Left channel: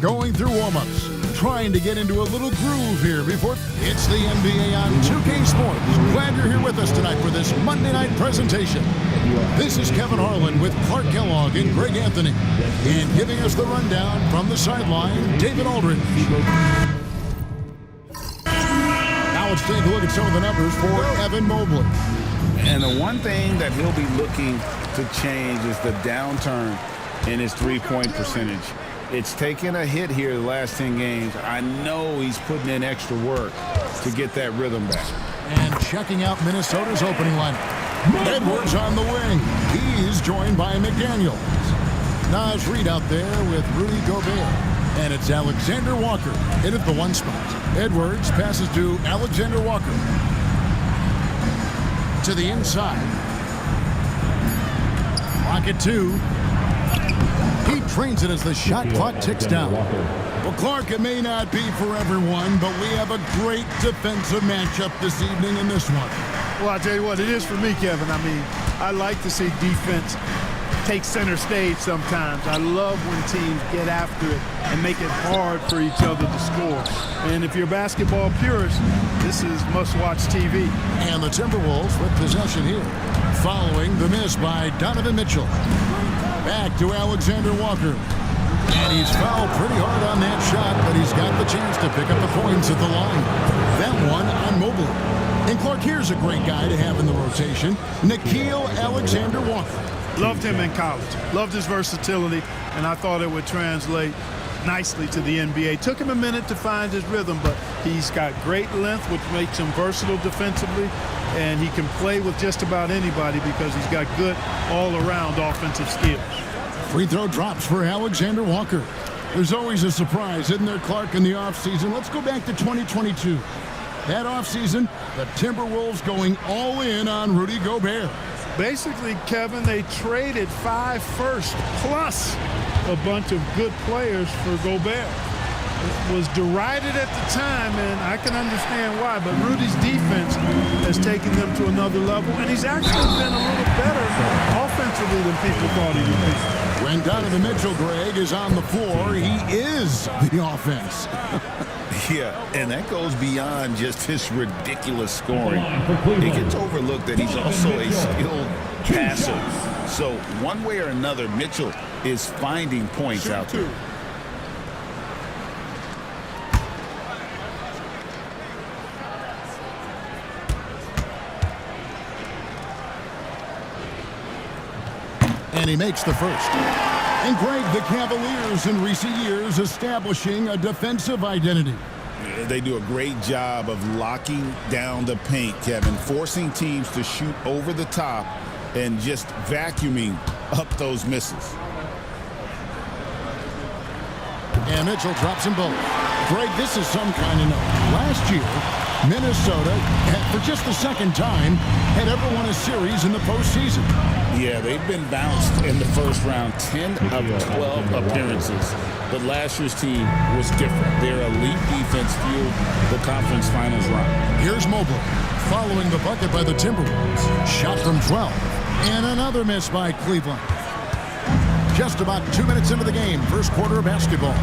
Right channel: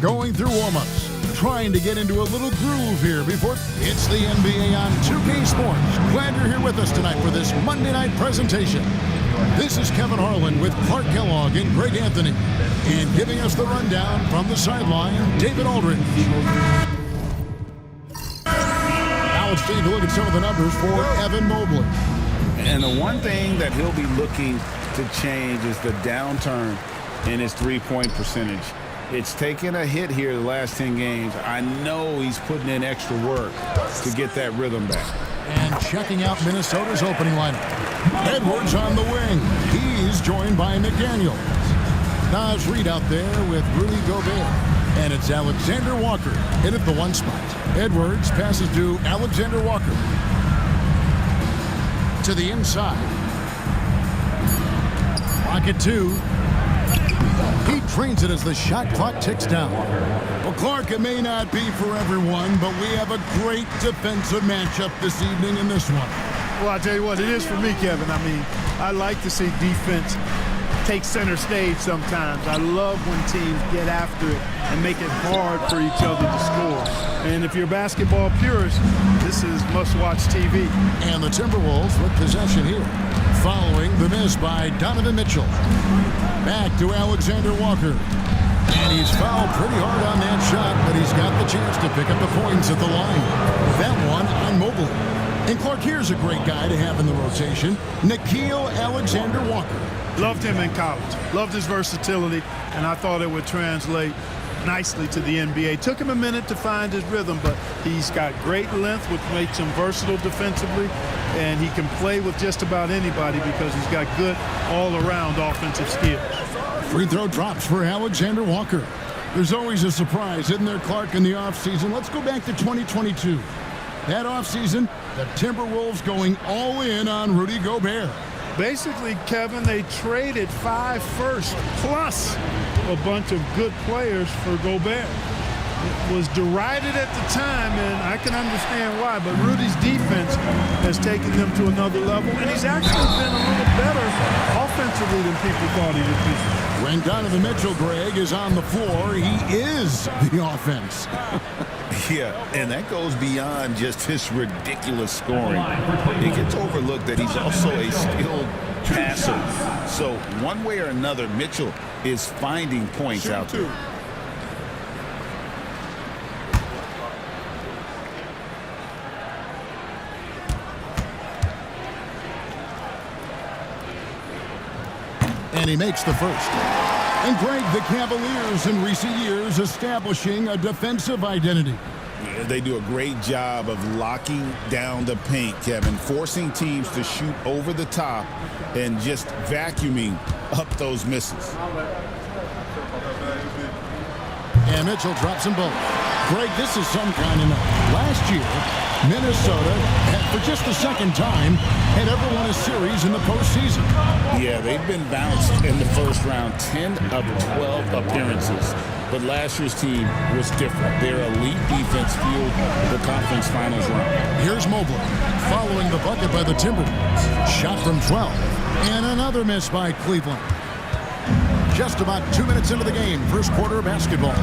going through warm-ups, trying to get into a little groove here before it's the NBA on 2K Sports. Glad you're here with us tonight for this Monday night presentation. This is Kevin Harlan with Clark Kellogg and Greg Anthony. And giving us the rundown from the sideline, David Aldridge. Now let's take a look at some of the numbers for Evan Mobley. And the one thing that he'll be looking to change is the downturn in his three-point percentage. It's taken a hit here the last 10 games. I know he's putting in extra work to get that rhythm back. And checking out Minnesota's opening lineup. Edwards on the wing. He's joined by McDaniels. Nas Reed out there with Rudy Gobert. And it's Alexander Walker in at the one spot. Edwards passes to Alexander Walker. To the inside. Rocket 2. He trains it as the shot clock ticks down. Well, Clark, it may not be for everyone, but we have a great defensive matchup this evening in this one. Well, I'll tell you what, it is for me, Kevin. I mean, I like to see defense take center stage sometimes. I love when teams get after it and make it hard for each other to score. And if you're a basketball purist, this is must-watch TV. And the Timberwolves with possession here, following the miss by Donovan Mitchell. Back to Alexander Walker. And he's fouled pretty hard on that shot, but he's got the chance to pick up the points at the line. That one on Mobley. And Clark, here's a great guy to have in the rotation, Nickeil Alexander Walker. Loved him in college. Loved his versatility, and I thought it would translate nicely to the NBA. Took him a minute to find his rhythm, but he's got great length, which makes him versatile defensively, and he can play with just about anybody because he's got good all-around offensive skills. Free throw drops for Alexander Walker. There's always a surprise, isn't there, Clark, in the offseason? Let's go back to 2022. That offseason, the Timberwolves going all in on Rudy Gobert. Basically, Kevin, they traded 5 firsts plus a bunch of good players for Gobert. It was derided at the time, and I can understand why, but Rudy's defense has taken them to another level, and he's actually been a little better offensively than people thought he would be. When Donovan Mitchell, Greg, is on the floor, he is the offense. Yeah, and that goes beyond just his ridiculous scoring. It gets overlooked that he's also a skilled passer. So one way or another, Mitchell is finding points out there. And he makes the first. And Greg, the Cavaliers in recent years establishing a defensive identity. Yeah, they do a great job of locking down the paint, Kevin, forcing teams to shoot over the top and just vacuuming up those misses. And Mitchell drops them both. Greg, this is some kind of note. Last year, Minnesota, for just the second time, had ever won a series in the postseason. Yeah, they've been bounced in the first round, 10 of 12 appearances. But last year's team was different. Their elite defense fueled the conference finals run. Here's Mobley, following the bucket by the Timberwolves. Shot from 12. And another miss by Cleveland. Just about 2 minutes into the game, first quarter of basketball.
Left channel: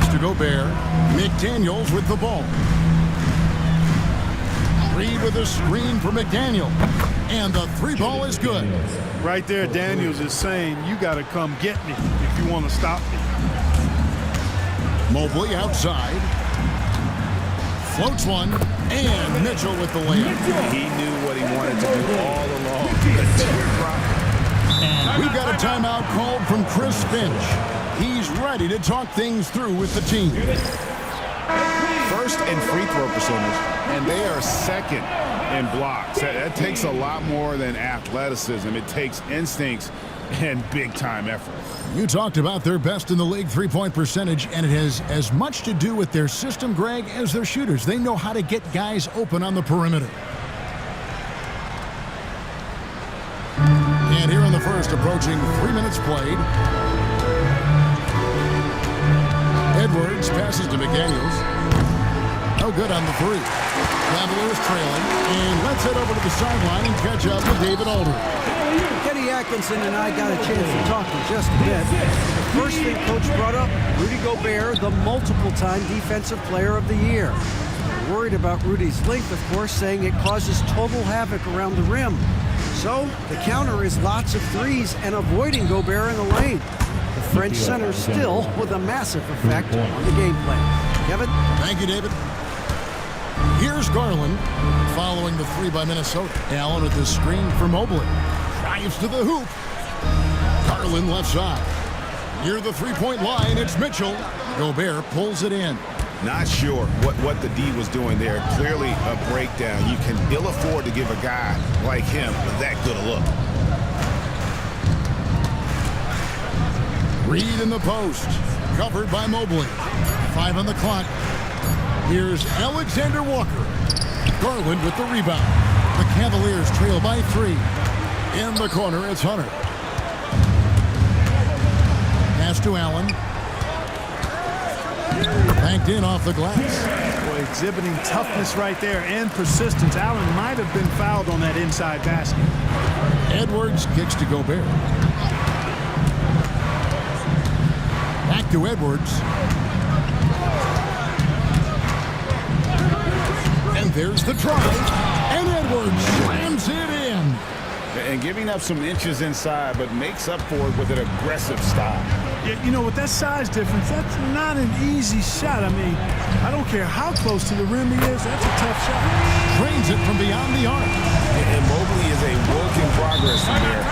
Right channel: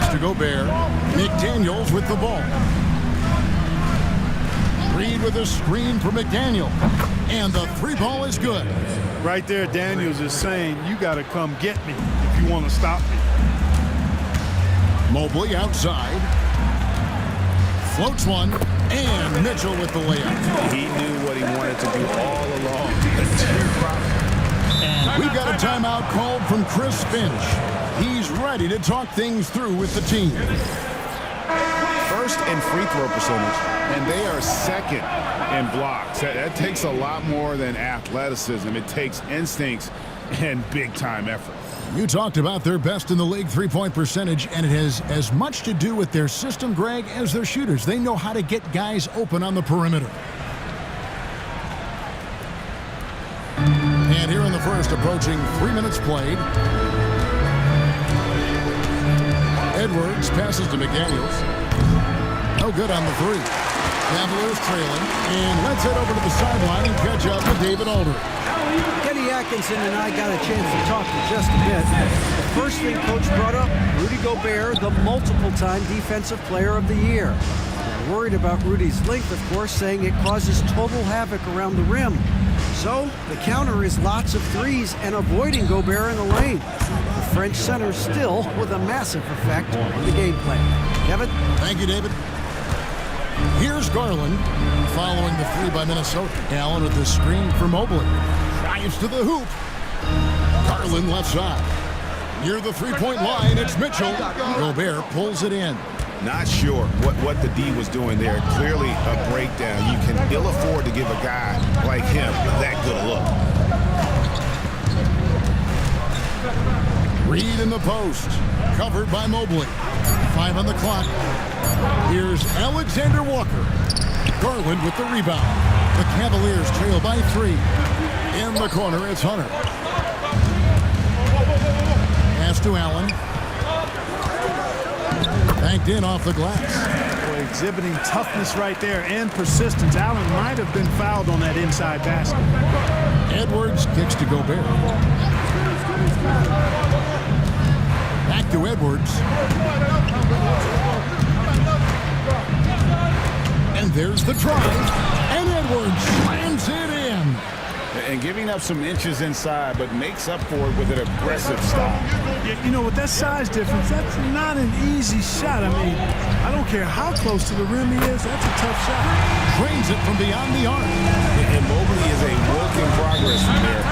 Mr. Gobert, McDaniels with the ball. Reed with a screen for McDaniel. And the three ball is good. Right there, Daniels is saying, you got to come get me if you want to stop me. Mobley outside. Floats one. And Mitchell with the layup. He knew what he wanted to do all along. The teardrop. And we've got a timeout called from Chris Finch. He's ready to talk things through with the team. First in free throw percentage, and they are second in blocks. That takes a lot more than athleticism. It takes instincts and big-time effort. You talked about their best in the league three-point percentage, and it has as much to do with their system, Greg, as their shooters. They know how to get guys open on the perimeter. And here in the first, approaching 3 minutes played. Edwards passes to McDaniels. No good on the three. Cavaliers trailing. And let's head over to the sideline and catch up with David Aldridge. Kenny Atkinson and I got a chance to talk for just a bit. The first thing Coach brought up, Rudy Gobert, the multiple-time Defensive Player of the Year. They're worried about Rudy's length, of course, saying it causes total havoc around the rim. So the counter is lots of threes and avoiding Gobert in the lane. The French center still with a massive effect on the game plan. Kevin? Thank you, David. Here's Garland following the three by Minnesota. Allen with the screen for Mobley. Drives to the hoop. Garland left side. Near the three-point line, it's Mitchell. Gobert pulls it in. Not sure what the D was doing there. Clearly a breakdown. You can ill afford to give a guy like him that good a look. Reed in the post. Covered by Mobley. 5 on the clock. Here's Alexander Walker. Garland with the rebound. The Cavaliers trail by 3. In the corner, it's Hunter. Pass to Allen. Banked in off the glass. Boy, exhibiting toughness right there and persistence. Allen might have been fouled on that inside basket. Edwards kicks to Gobert. Back to Edwards. And there's the drive. And Edwards slams it in. And giving up some inches inside, but makes up for it with an aggressive stop. Yeah, you know, with that size difference, that's not an easy shot. I mean, I don't care how close to the rim he is. That's a tough shot. Drains it from beyond the arc. And Mobley is a work in progress from there.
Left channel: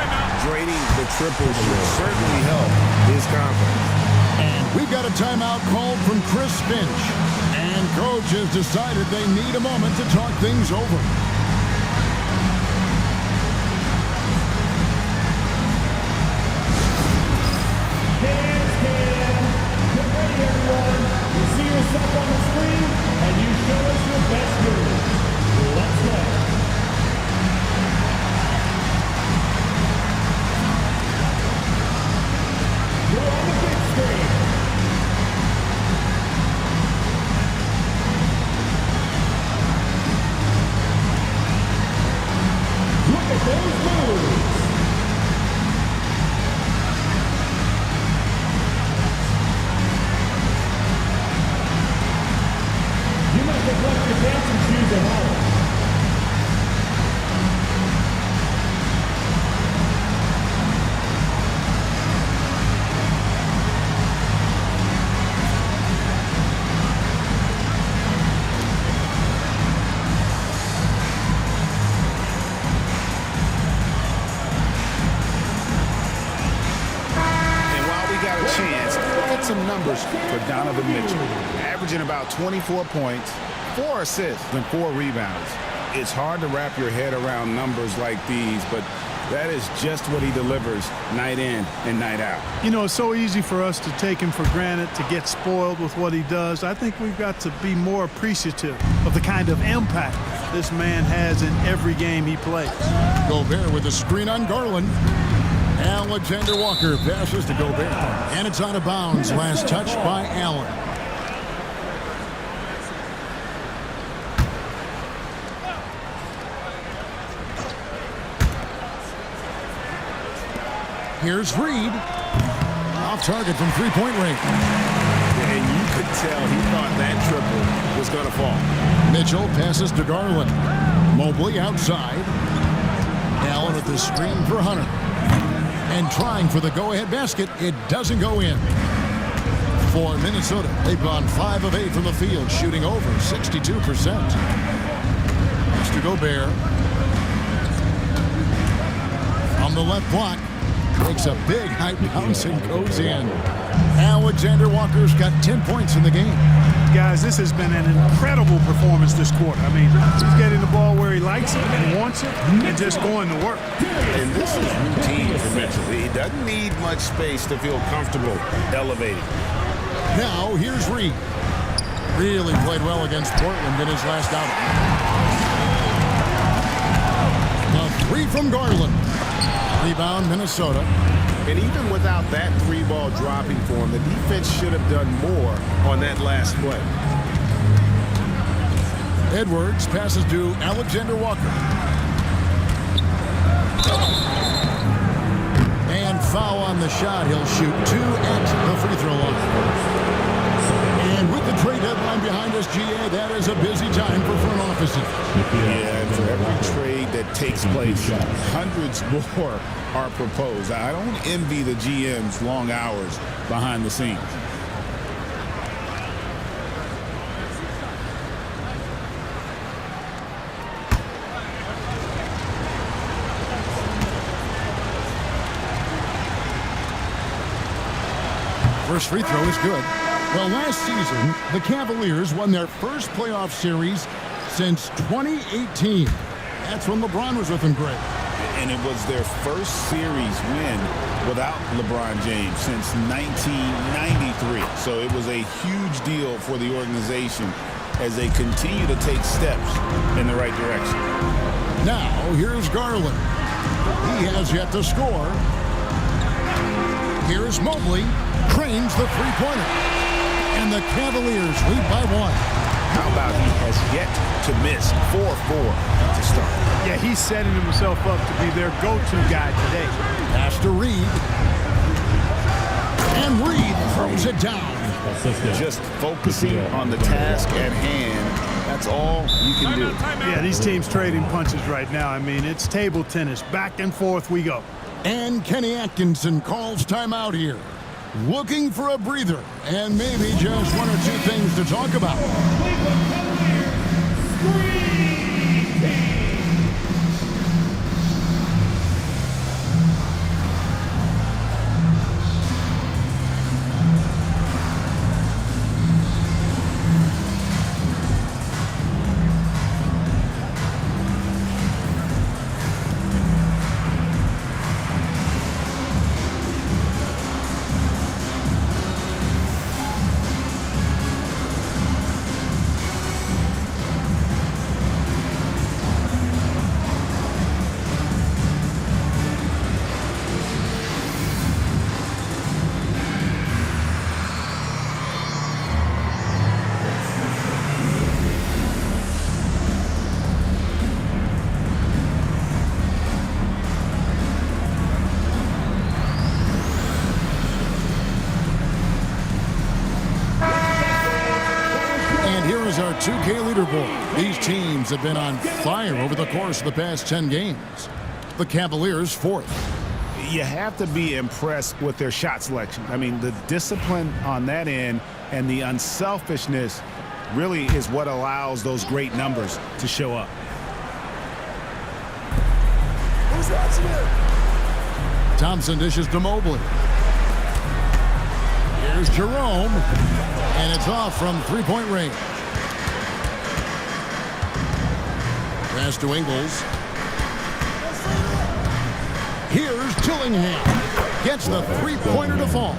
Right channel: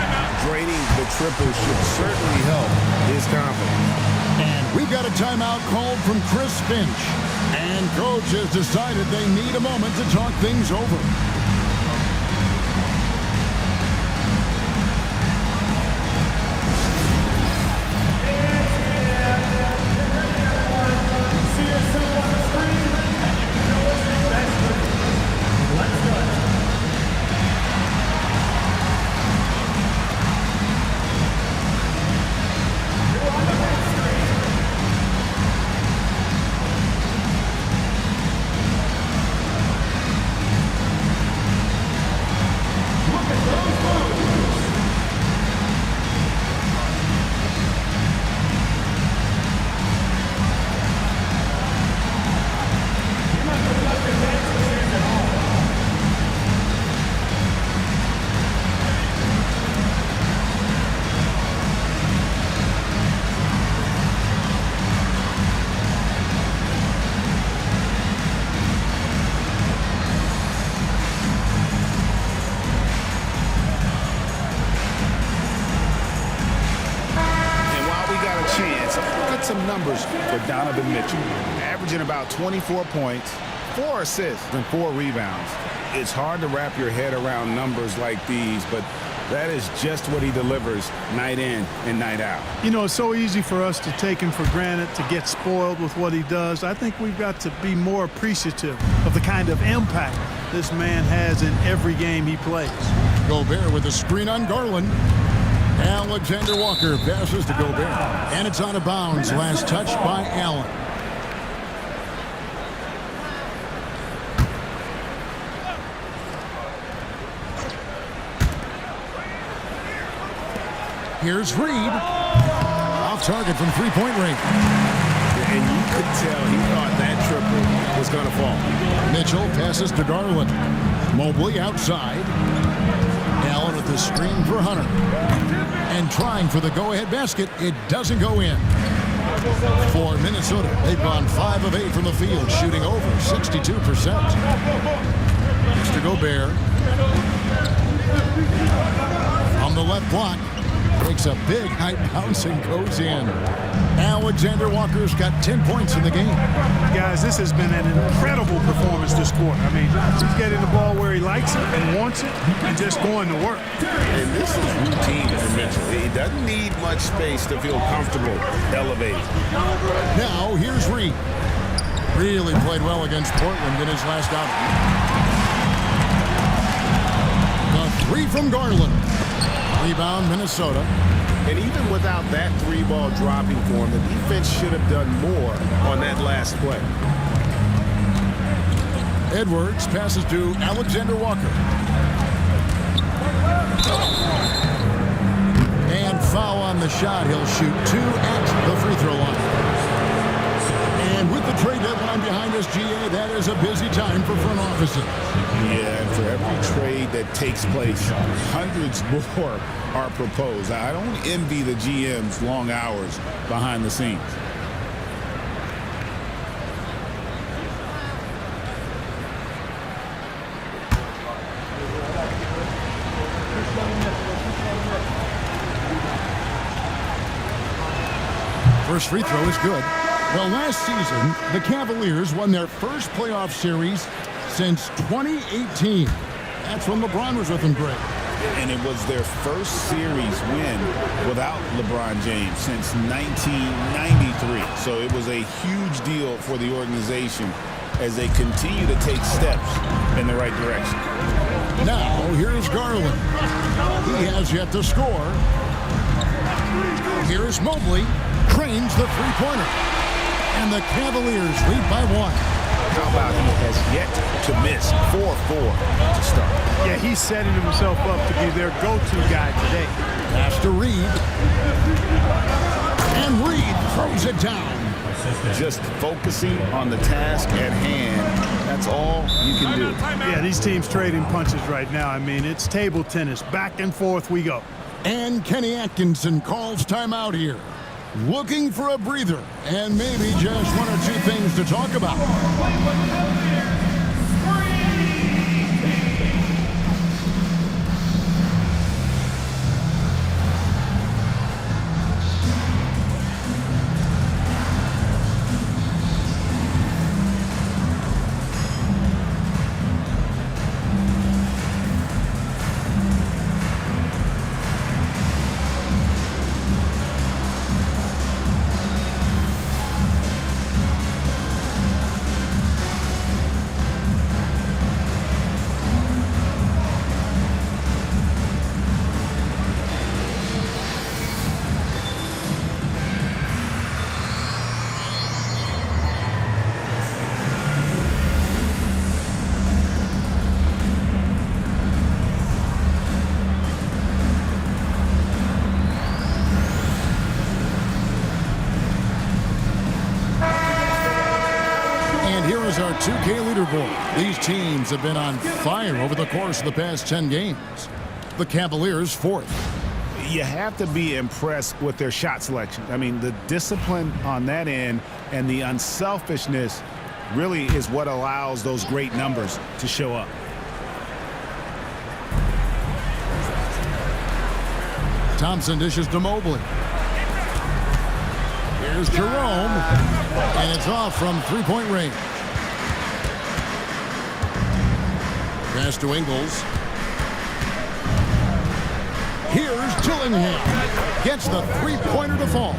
Draining the triple should certainly help his confidence. And we've got a timeout called from Chris Finch. And coach has decided they need a moment to talk things over. Chance. Look at some numbers for Donovan Mitchell. Averaging about 24 points, 4 assists, and 4 rebounds. It's hard to wrap your head around numbers like these, but that is just what he delivers night in and night out. You know, it's so easy for us to take him for granted, to get spoiled with what he does. I think we've got to be more appreciative of the kind of impact this man has in every game he plays. Gobert with a screen on Garland. Alexander Walker passes to Gobert. And it's out of bounds. Last touch by Allen. Here's Reed. Off target from three-point range. And you could tell he thought that triple was going to fall. Mitchell passes to Garland. Mobley outside. Allen with the screen for Hunter. And trying for the go-ahead basket. It doesn't go in. For Minnesota, they've gone 5 of 8 from the field, shooting over 62%. Next to Gobert. From the left block. Takes a big high bounce and goes in. Alexander Walker's got 10 points in the game. Guys, this has been an incredible performance this quarter. I mean, he's getting the ball where he likes it and wants it and just going to work. And this is routine for Mitchell. He doesn't need much space to feel comfortable elevating. Now, here's Reed. Really played well against Portland in his last outing. The three from Garland. Rebound, Minnesota. And even without that 3-ball dropping for him, the defense should have done more on that last play. Edwards passes to Alexander Walker. And foul on the shot. He'll shoot 2 at the free throw line. And with the trade deadline behind us, GA, that is a busy time for front offices. Yeah, and for every trade that takes place, hundreds more are proposed. I don't envy the GM's long hours behind the scenes. First free throw is good. Well, last season, the Cavaliers won their first playoff series since 2018. That's when LeBron was with them, Greg. And it was their first series win without LeBron James since 1993. So it was a huge deal for the organization as they continue to take steps in the right direction. Now, here's Garland. He has yet to score. Here's Mobley. Cranes the three-pointer. And the Cavaliers lead by 1. How about he has yet to miss 4-4 to start? Yeah, he's setting himself up to be their go-to guy today. Pass to Reed. And Reed throws it down. Just focusing on the task at hand, that's all you can do. Yeah, these teams trading punches right now. I mean, it's table tennis. Back and forth we go. And Kenny Atkinson calls timeout here. Looking for a breather and maybe just 1 or 2 things to talk about. And here is our 2K leaderboard. These teams have been on fire over the course of the past 10 games. The Cavaliers 4th. You have to be impressed with their shot selection. I mean, the discipline on that end and the unselfishness really is what allows those great numbers to show up. Thompson dishes to Mobley. Here's Jerome, and it's off from three-point range. Pass to Ingles. Here's Dillingham. Gets the three-pointer to fall.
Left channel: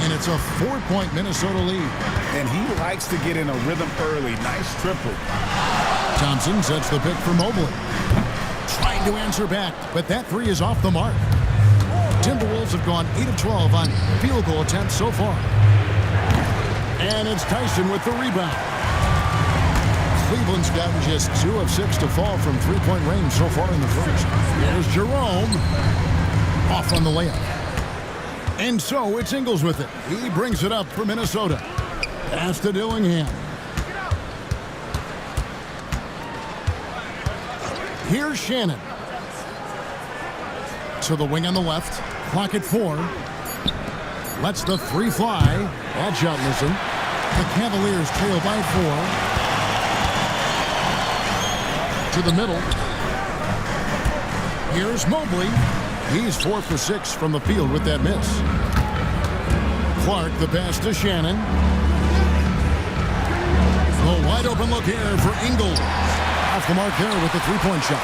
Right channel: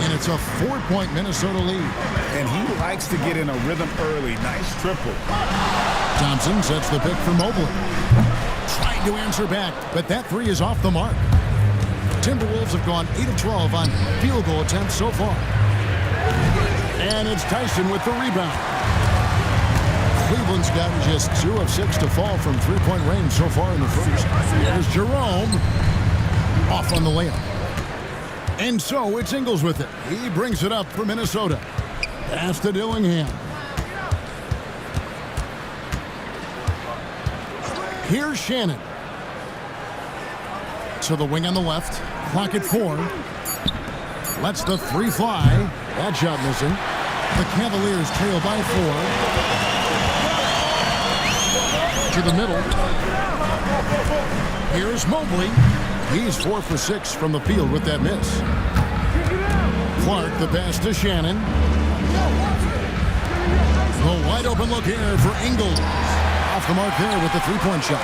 And it's a 4-point Minnesota lead. And he likes to get in a rhythm early. Nice triple. Thompson sets the pick for Mobley. Trying to answer back, but that three is off the mark. Timberwolves have gone 8 of 12 on field goal attempts so far. And it's Tyson with the rebound. Cleveland's gotten just 2 of 6 to fall from three-point range so far in the first. Here's Jerome. Off on the layup. And so it's Ingles with it. He brings it up for Minnesota. Pass to Dillingham. Here's Shannon. To the wing on the left. Clock at 4. Lets the three fly. That shot missing. The Cavaliers trail by 4. To the middle. Here's Mobley. He's 4 for 6 from the field with that miss. Clark, the pass to Shannon. The wide open look here for Ingles. Off the mark there with the three-point shot.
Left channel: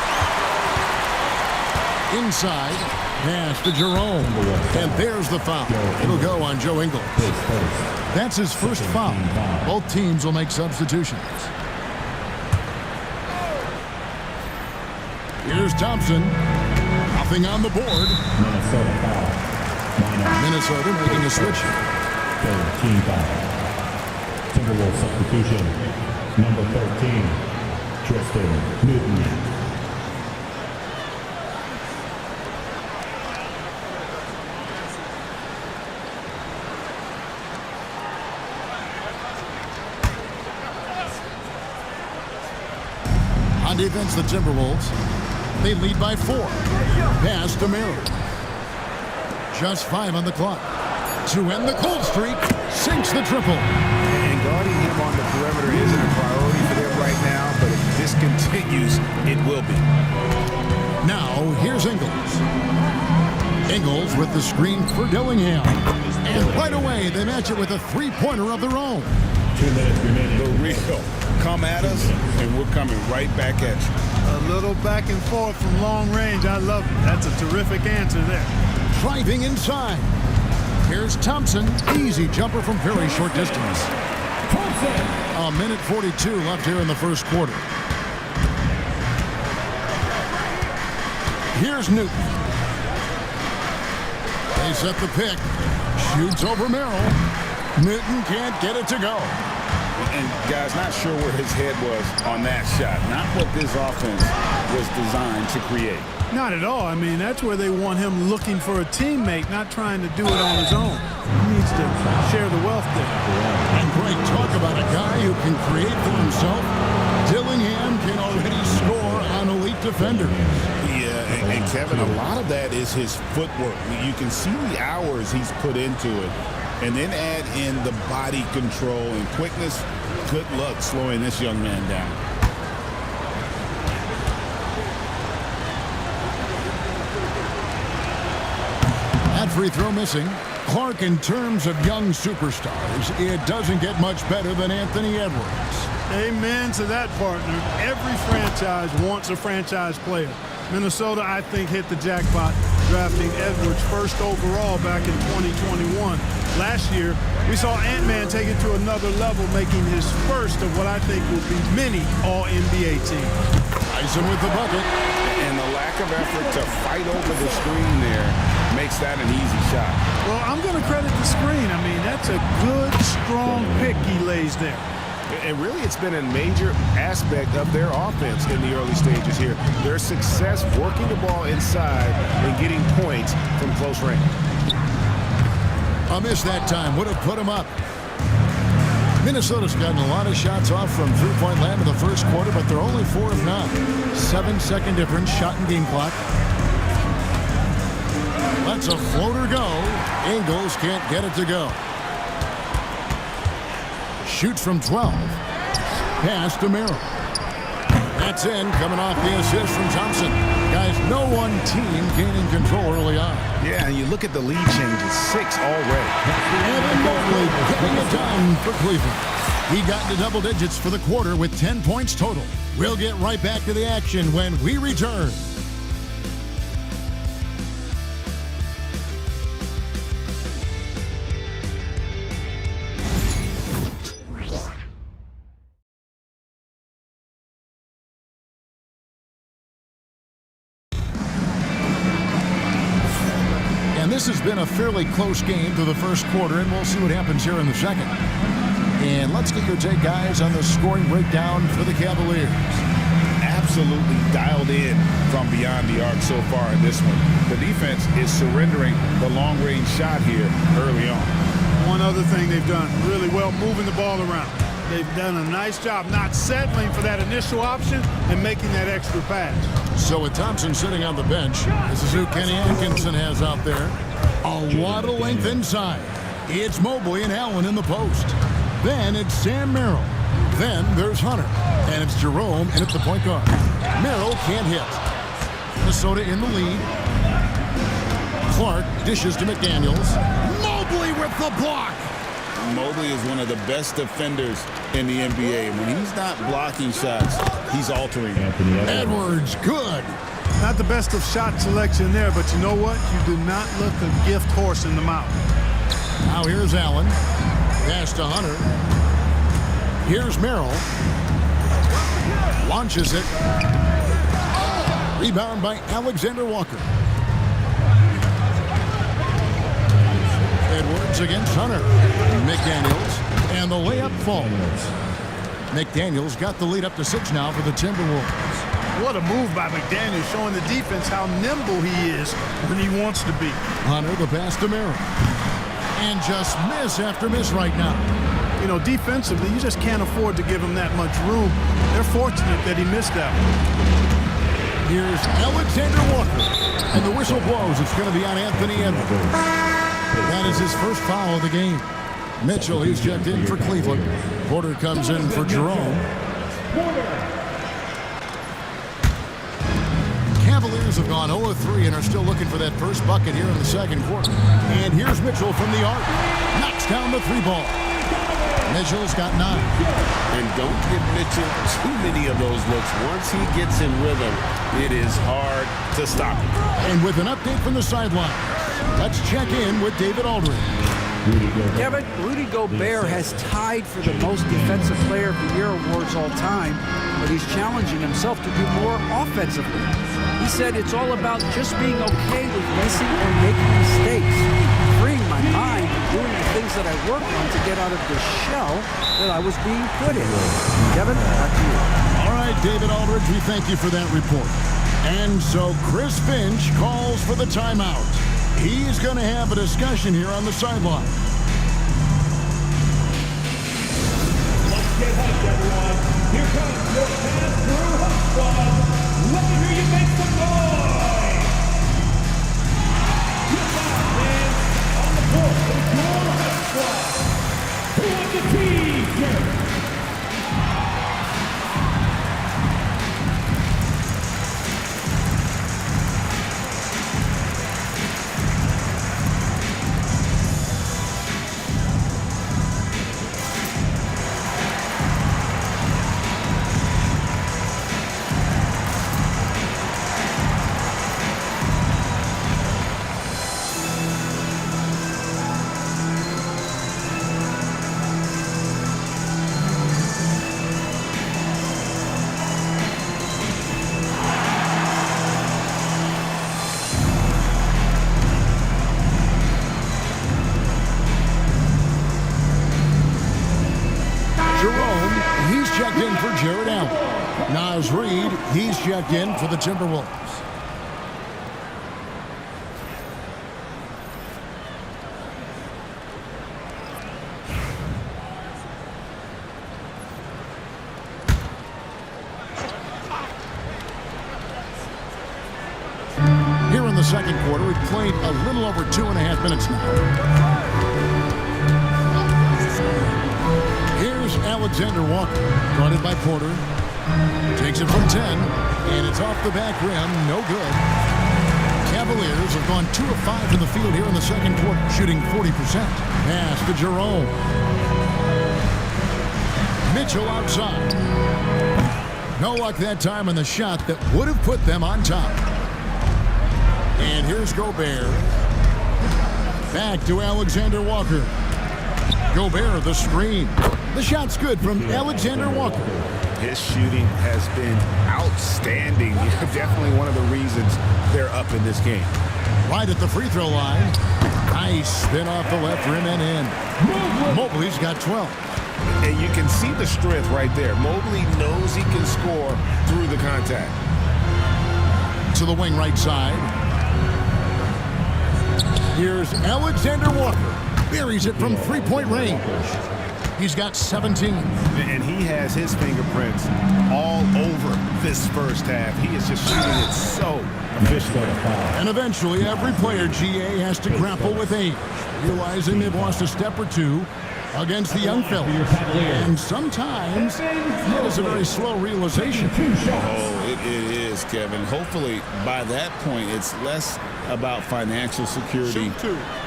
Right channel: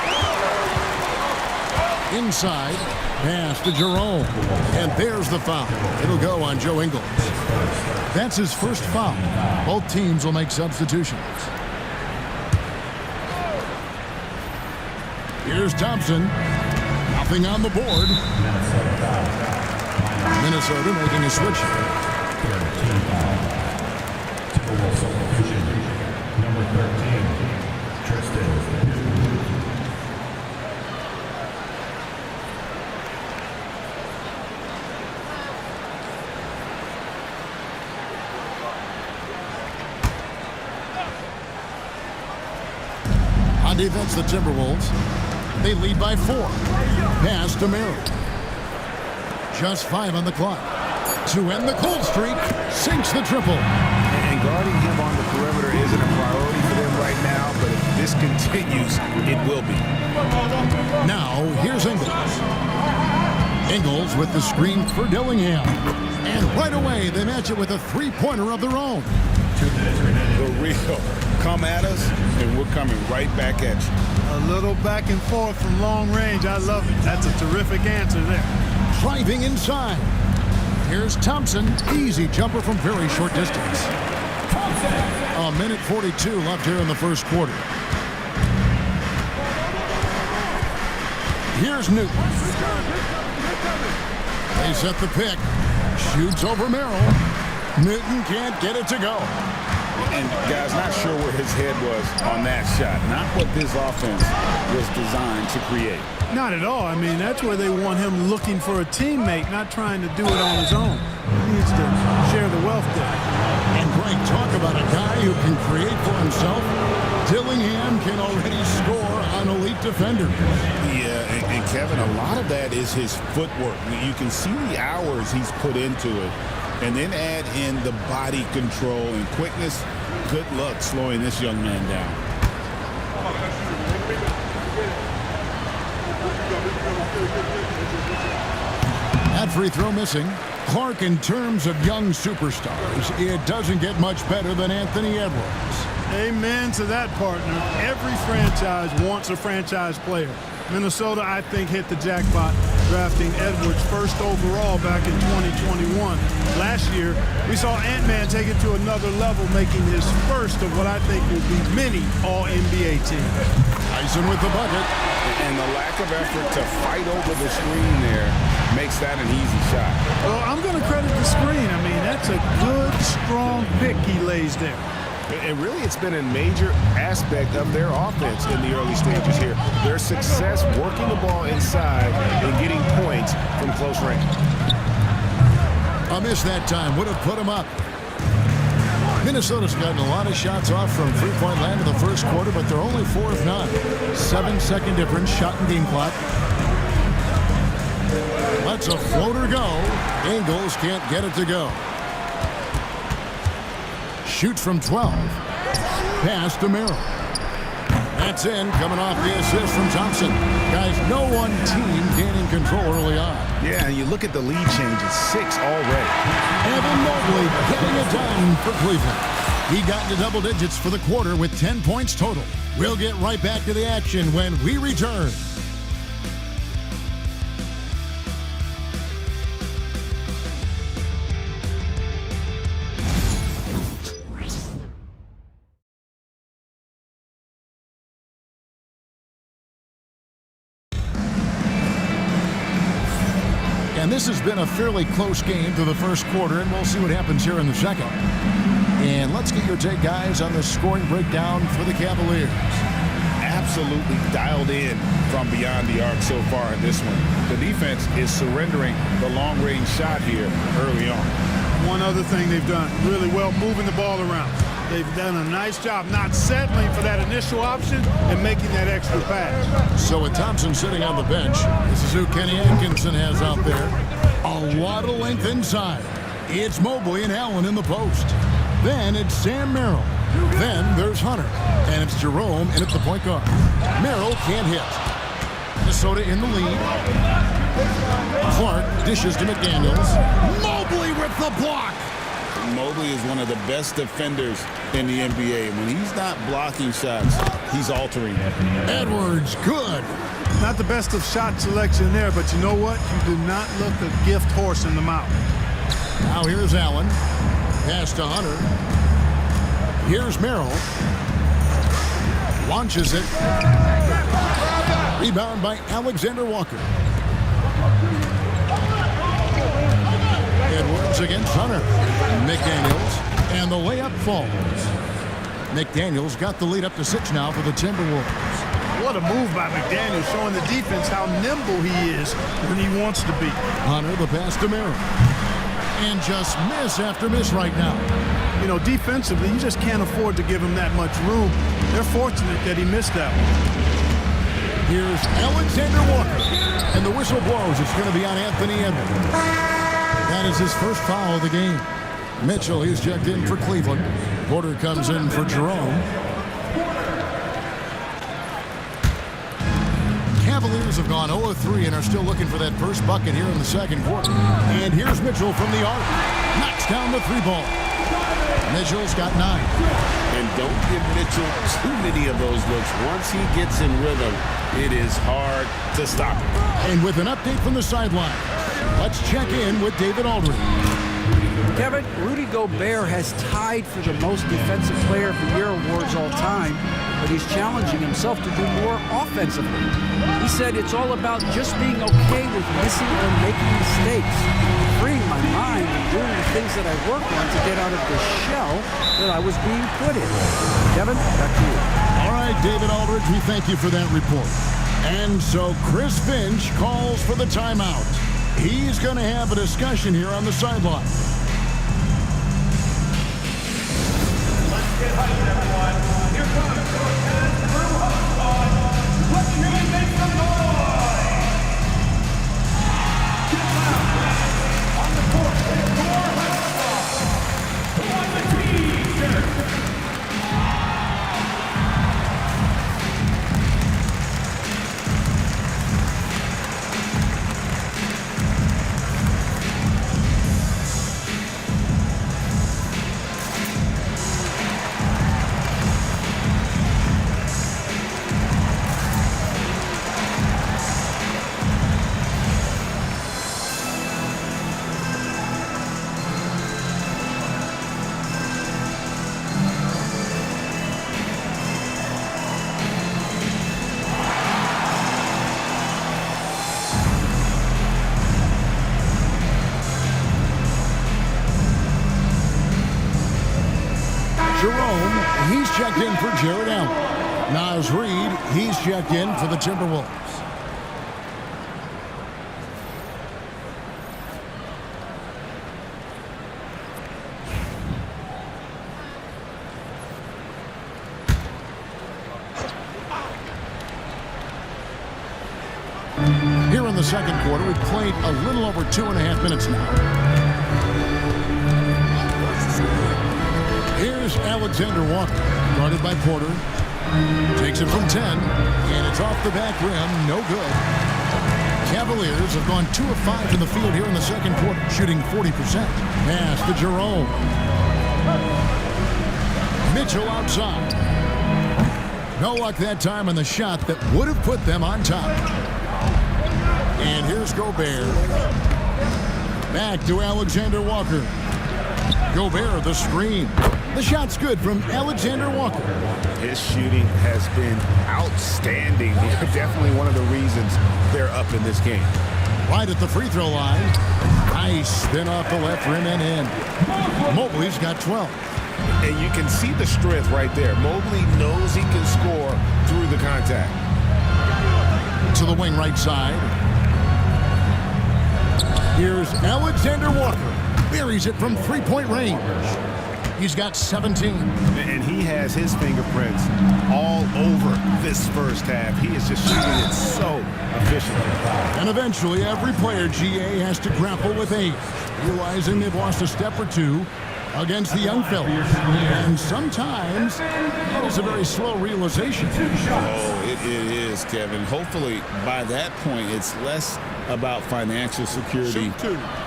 Inside, pass to Jerome. And there's the foul. It'll go on Joe Ingles. That's his first foul. Both teams will make substitutions. Here's Thompson. Nothing on the board. Minnesota making a switch here. Timberwolves substitution. Number 13, Tristan Newton. On defense, the Timberwolves. They lead by 4. Pass to Merrill. Just 5 on the clock. To end the cold streak, sinks the triple. And guarding him on the perimeter isn't a priority for them right now, but if this continues, it will be. Now, here's Ingles. Ingles with the screen for Dillingham. And right away, they match it with a three-pointer of their own. 2 minutes remaining. The real. Come at us, and we're coming right back at you. A little back and forth from long range. I love it. That's a terrific answer there. Driving inside. Here's Thompson. Easy jumper from very short distance. A minute 42 left here in the first quarter. Here's Newton. They set the pick. Shoots over Merrill. Newton can't get it to go. And, guys, not sure where his head was on that shot. Not what this offense was designed to create. Not at all. I mean, that's where they want him looking for a teammate, not trying to do it on his own. He needs to share the wealth there. And Greg, talk about a guy who can create for himself. Dillingham can already score on elite defenders. Yeah, and Kevin, a lot of that is his footwork. You can see the hours he's put into it. And then add in the body control and quickness. Good luck slowing this young man down. That free throw missing. Clark, in terms of young superstars, it doesn't get much better than Anthony Edwards. Amen to that, partner. Every franchise wants a franchise player. Minnesota, I think, hit the jackpot drafting Edwards first overall back in 2021. Last year, we saw Ant-Man take it to another level, making his first of what I think will be many All-NBA teams. Tyson with the bucket. And the lack of effort to fight over the screen there makes that an easy shot. Well, I'm going to credit the screen. I mean, that's a good, strong pick he lays there. And really, it's been a major aspect of their offense in the early stages here. Their success working the ball inside and getting points from close range. A miss that time would have put him up. Minnesota's gotten a lot of shots off from three-point land in the first quarter, but they're only 4 of 9. 7-second difference, shot and game clock. Lets a floater go. Ingles can't get it to go. Shoots from 12. Pass to Merrill. That's in, coming off the assist from Thompson. Guys, no one team gaining control early on. Yeah, and you look at the lead changes, 6 already. Evan Mobley getting it done for Cleveland. He got into double digits for the quarter with 10 points total. We'll get right back to the action when we return. And this has been a fairly close game to the first quarter, and we'll see what happens here in the second. And let's get your take, guys, on the scoring breakdown for the Cavaliers. Absolutely dialed in from beyond the arc so far in this one. The defense is surrendering the long-range shot here early on. One other thing they've done really well, moving the ball around. They've done a nice job not settling for that initial option and making that extra pass. So with Thompson sitting on the bench, this is who Kenny Atkinson has out there. A lot of length inside. It's Mobley and Allen in the post. Then it's Sam Merrill. Then there's Hunter. And it's Jerome in at the point guard. Merrill can't hit. Minnesota in the lead. Clark dishes to McDaniels. Mobley with the block. Mobley is one of the best defenders in the NBA. When he's not blocking shots, he's altering. Edwards, good. Not the best of shot selection there, but you know what? You do not look a gift horse in the mouth. Now here's Allen. Pass to Hunter. Here's Merrill. Launches it. Rebound by Alexander Walker. Edwards against Hunter. McDaniels. And the layup falls. McDaniels got the lead up to 6 now for the Timberwolves. What a move by McDaniels, showing the defense how nimble he is when he wants to be. Hunter, the pass to Merrill. And just miss after miss right now. You know, defensively, you just can't afford to give him that much room. They're fortunate that he missed that one. Here's Alexander Walker. And the whistle blows. It's going to be on Anthony Edwards. That is his first foul of the game. Mitchell, he's checked in for Cleveland. Porter comes in for Jerome. Cavaliers have gone 0-3 and are still looking for that first bucket here in the second quarter. And here's Mitchell from the arc. Knocks down the 3 ball. Mitchell's got 9. And don't give Mitchell too many of those looks. Once he gets in rhythm, it is hard to stop him. And with an update from the sideline, let's check in with David Aldridge. Kevin, Rudy Gobert has tied for the most Defensive Player of the Year awards all time, but he's challenging himself to do more offensively. He said it's all about just being okay with missing or making mistakes, freeing my mind and doing the things that I work on to get out of the shell that I was being put in. Kevin, back to you. All right, David Aldridge, we thank you for that report. And so Chris Finch calls for the timeout. He's going to have a discussion here on the sideline. Let's get hyped, everyone. Here comes your pass-through hub squad. Let me hear you make some noise. Get loud, man. On the court, your hub squad. Who wants the T-shirt? Jerome, he's checked in for Jared Allen. Naz Reid, he's checked in for the Timberwolves. Here in the second quarter, we've played a little over 2.5 minutes now. Here's Alexander Walker, guarded by Porter. Takes it from 10, and it's off the back rim, no good. Cavaliers have gone 2 of 5 from the field here in the second quarter, shooting 40%. Pass to Jerome. Mitchell outside. No luck that time on the shot that would have put them on top. And here's Gobert. Back to Alexander Walker. Gobert, the screen. The shot's good from Alexander Walker. His shooting has been outstanding. Definitely one of the reasons they're up in this game. Right at the free throw line. Nice spin off the left rim and in. Mobley's got 12. And you can see the strength right there. Mobley knows he can score through the contact. To the wing right side. Here's Alexander Walker. Buries it from three-point range. He's got 17. And he has his fingerprints all over this first half. He is just shooting it so efficiently. And eventually, every player, GA, has to grapple with age, realizing they've lost a step or two against the young fellas. And sometimes that is a very slow realization. Oh, it is, Kevin. Hopefully, by that point, it's less about financial security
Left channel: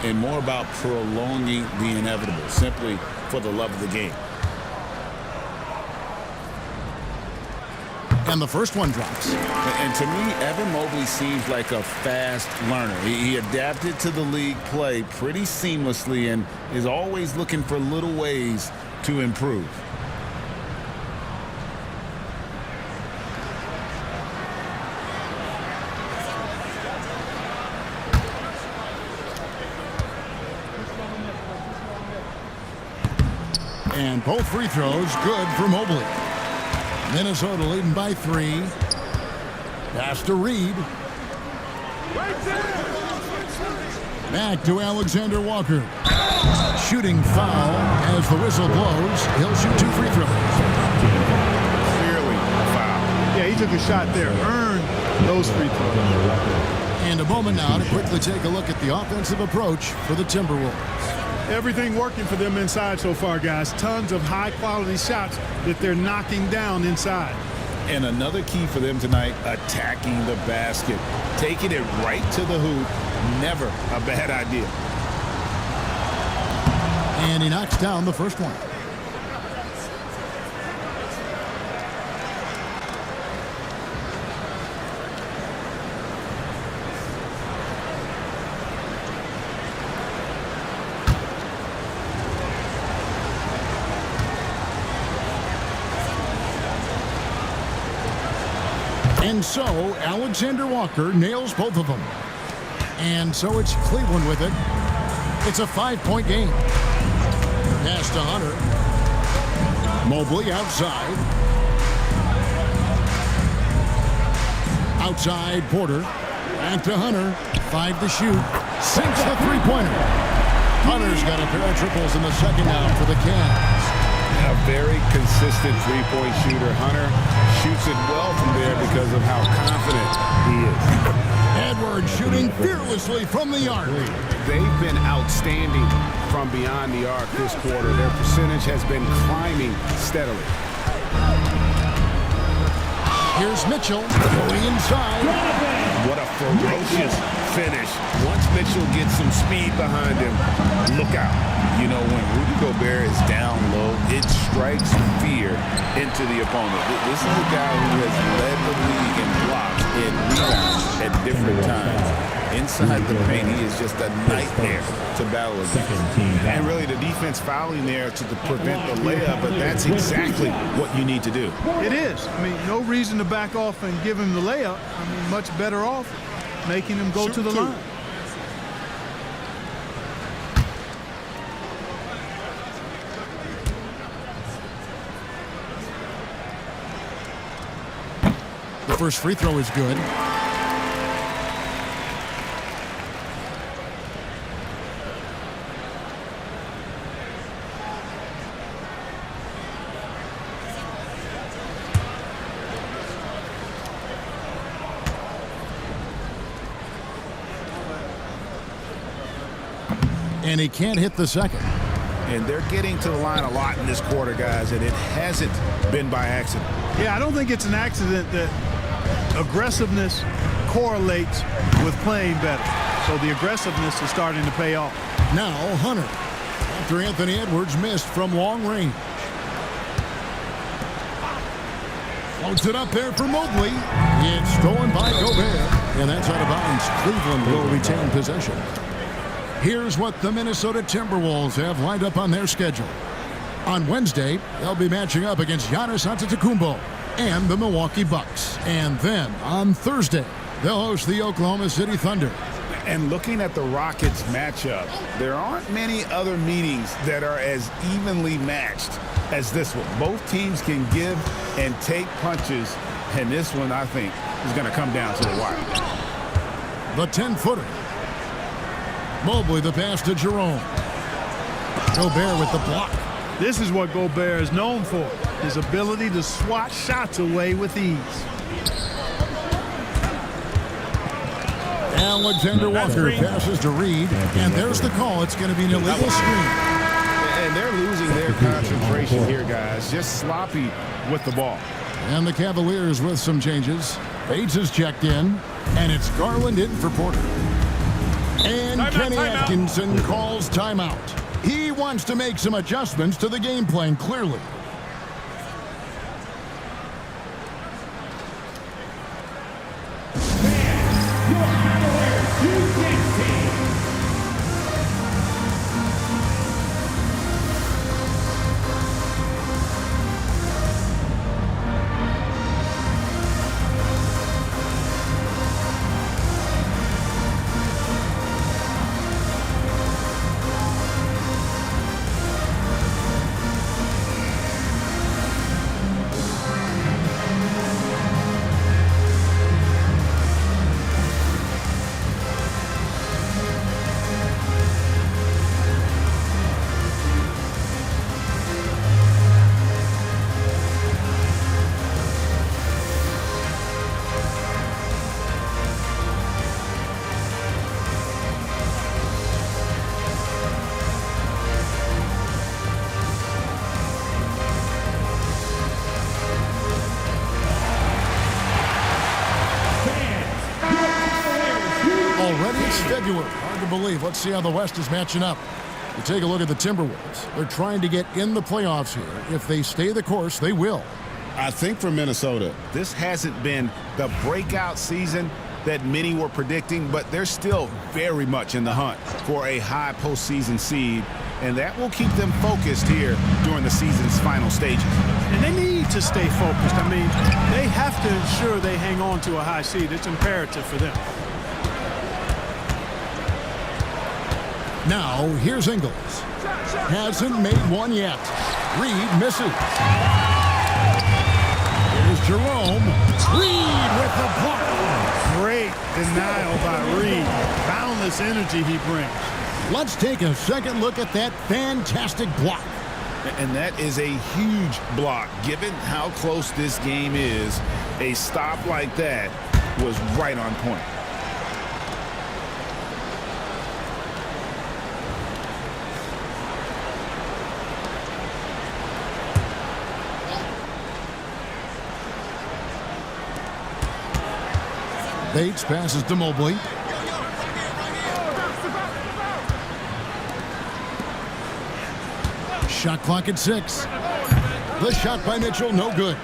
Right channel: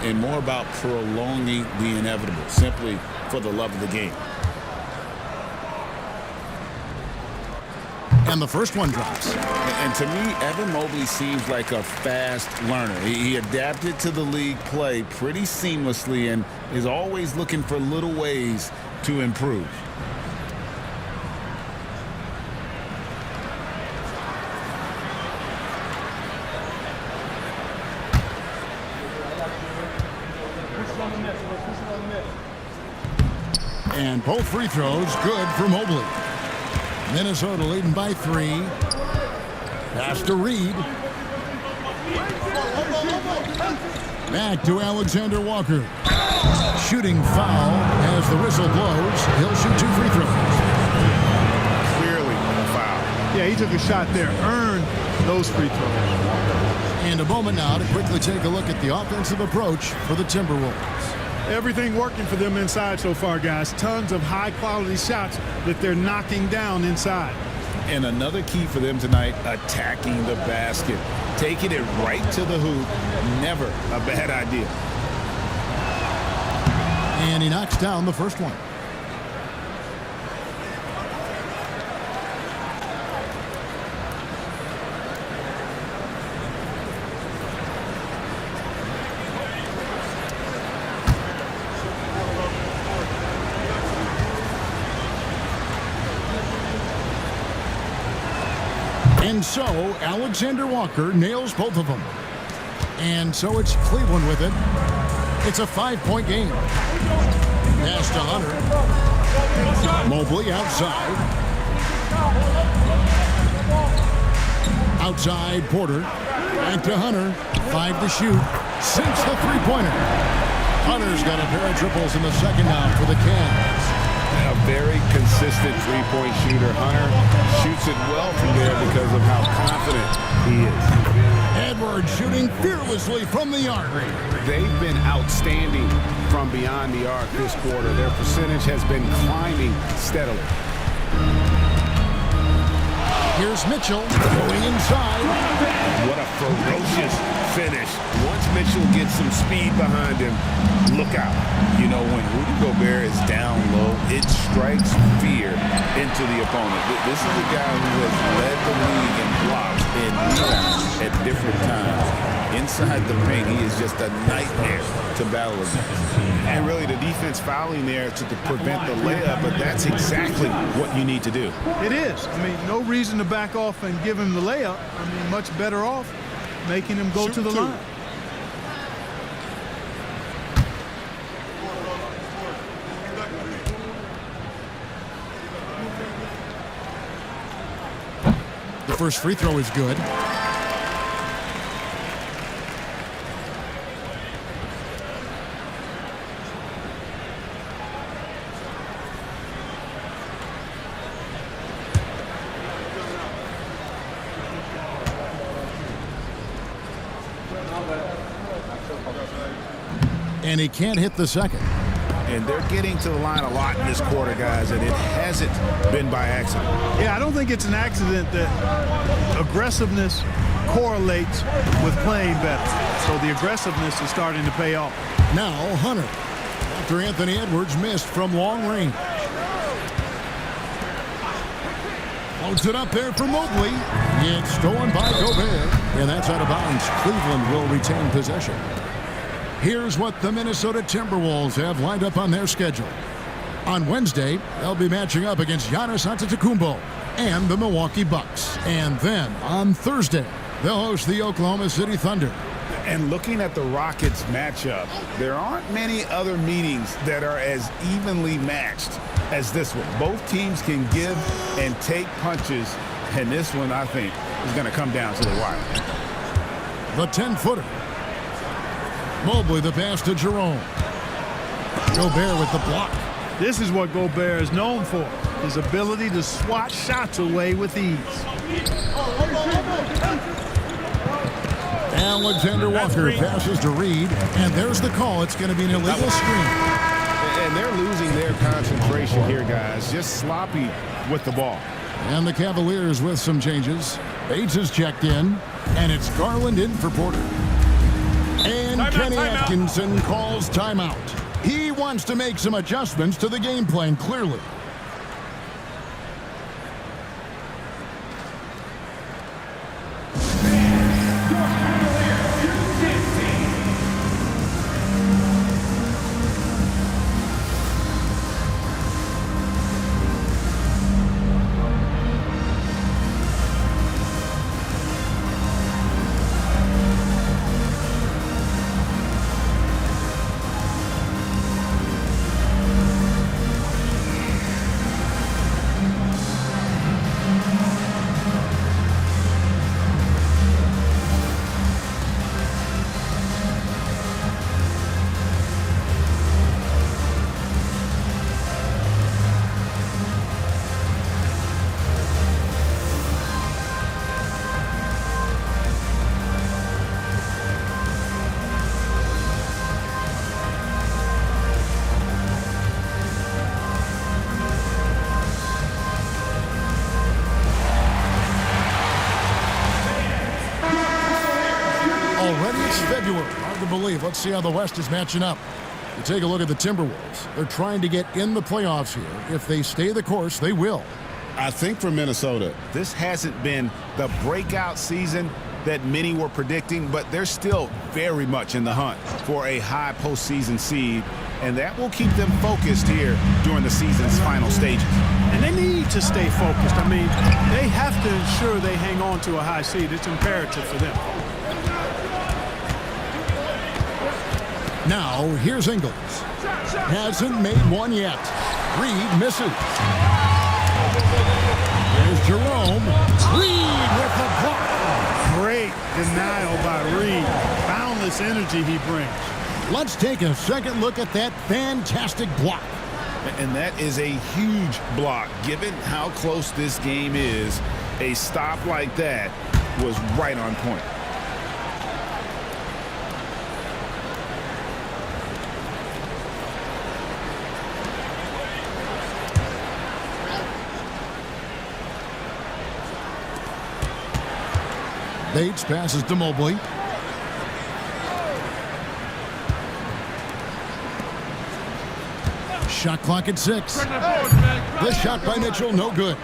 and more about prolonging the inevitable, simply for the love of the game. And the first one drops. And to me, Evan Mobley seems like a fast learner. He adapted to the league play pretty seamlessly and is always looking for little ways to improve. And both free throws good for Mobley. Minnesota leading by 3. Pass to Reed. Back to Alexander Walker. Shooting foul as the whistle blows. He'll shoot 2 free throws. Clearly a foul. Yeah, he took a shot there, earned those free throws. And a moment now to quickly take a look at the offensive approach for the Timberwolves. Everything working for them inside so far, guys. Tons of high-quality shots that they're knocking down inside. And another key for them tonight, attacking the basket. Taking it right to the hoop, never a bad idea. And he knocks down the first one. And so Alexander Walker nails both of them. And so it's Cleveland with it. It's a 5-point game. Pass to Hunter. Mobley outside. Outside Porter. Back to Hunter. 5 to shoot. Sinks the three-pointer. Hunter's got a pair of triples in the second now for the Cavs. A very consistent three-point shooter. Hunter shoots it well from there because of how confident he is. Edwards shooting fearlessly from the arc. They've been outstanding from beyond the arc this quarter. Their percentage has been climbing steadily. Here's Mitchell going inside. What a ferocious finish. Once Mitchell gets some speed behind him, look out. You know, when Rudy Gobert is down low, it strikes fear into the opponent. This is a guy who has led the league in blocks and rebounds at different times. Inside the paint, he is just a nightmare to battle against. And really, the defense fouling there to prevent the layup, but that's exactly what you need to do. It is. I mean, no reason to back off and give him the layup. I mean, much better off making him go to the line. The first free throw is good. And he can't hit the second. And they're getting to the line a lot in this quarter, guys, and it hasn't been by accident. Yeah, I don't think it's an accident that aggressiveness correlates with playing better. So the aggressiveness is starting to pay off. Now Hunter, after Anthony Edwards missed from long range. Floats it up there for Mobley. It's stolen by Gobert, and that's out of bounds. Cleveland will retain possession. Here's what the Minnesota Timberwolves have lined up on their schedule. On Wednesday, they'll be matching up against Giannis Antetokounmpo and the Milwaukee Bucks. And then on Thursday, they'll host the Oklahoma City Thunder. And looking at the Rockets matchup, there aren't many other meetings that are as evenly matched as this one. Both teams can give and take punches, and this one, I think, is going to come down to the wire. The 10-footer. Mobley the pass to Jerome. Gobert with the block. This is what Gobert is known for, his ability to swat shots away with ease. Alexander Walker passes to Reed, and there's the call. It's going to be an illegal screen. And they're losing their concentration here, guys. Just sloppy with the ball. And the Cavaliers with some changes. Bates is checked in, and it's Garland in for Porter. And Kenny Atkinson calls timeout. He wants to make some adjustments to the game plan, clearly. Already it's February. Hard to believe. Let's see how the West is matching up. You take a look at the Timberwolves. They're trying to get in the playoffs here. If they stay the course, they will. I think for Minnesota, this hasn't been the breakout season that many were predicting, but they're still very much in the hunt for a high postseason seed, and that will keep them focused here during the season's final stages. And they need to stay focused. I mean, they have to ensure they hang on to a high seed. It's imperative for them. Now, here's Ingles. Hasn't made one yet. Reed misses. Here's Jerome. Reed with the block. Great denial by Reed. Boundless energy he brings. Let's take a second look at that fantastic block. And that is a huge block. Given how close this game is, a stop like that was right on point. Bates passes to Mobley. Shot clock at 6. The shot by Mitchell, no good.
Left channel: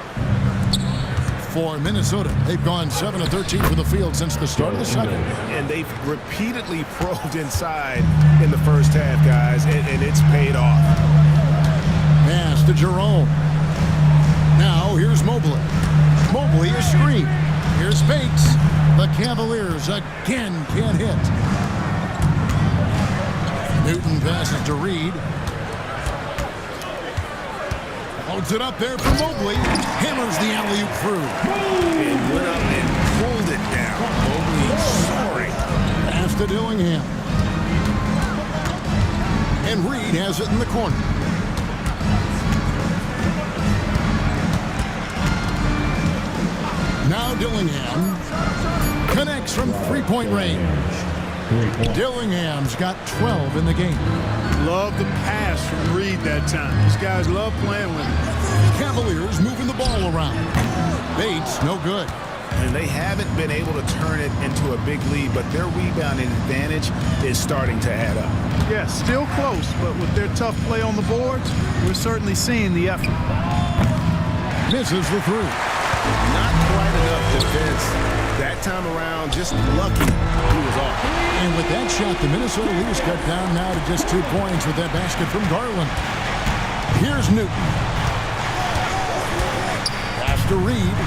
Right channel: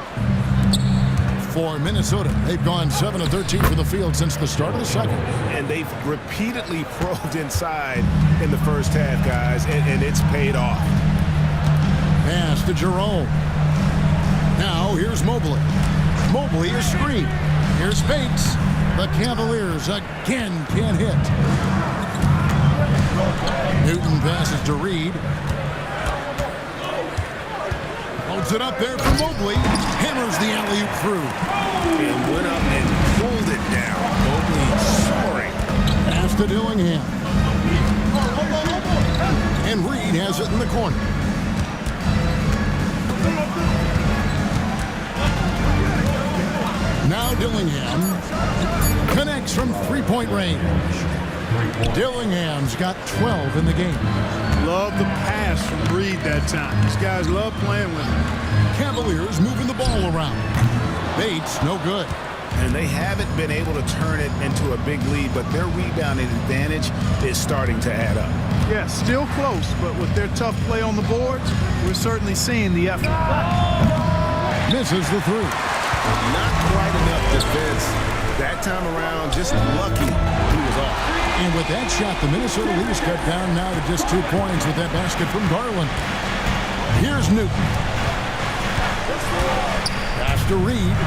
For Minnesota, they've gone 7 of 13 from the field since the start of the second. And they've repeatedly probed inside in the first half, guys, and it's paid off. Pass to Jerome. Now here's Mobley. Mobley is screen. Here's Bates. The Cavaliers again can't hit. Newton passes to Reed. Loads it up there for Mobley. Hammers the alley-oop through. And went up and pulled it down. Mobley soaring. Pass to Dillingham. And Reed has it in the corner. Now Dillingham connects from three-point range. Dillingham's got 12 in the game. Love the pass from Reed that time. These guys love playing with him. Cavaliers moving the ball around. Bates, no good. And they haven't been able to turn it into a big lead, but their rebounding advantage is starting to add up. Yeah, still close, but with their tough play on the boards, we're certainly seeing the effort. Misses the three. Not quite enough defense that time around. Just lucky he was off. And with that shot, the Minnesota leaders cut down now to just 2 points with that basket from Garland. Here's Newton. Pass to Reed.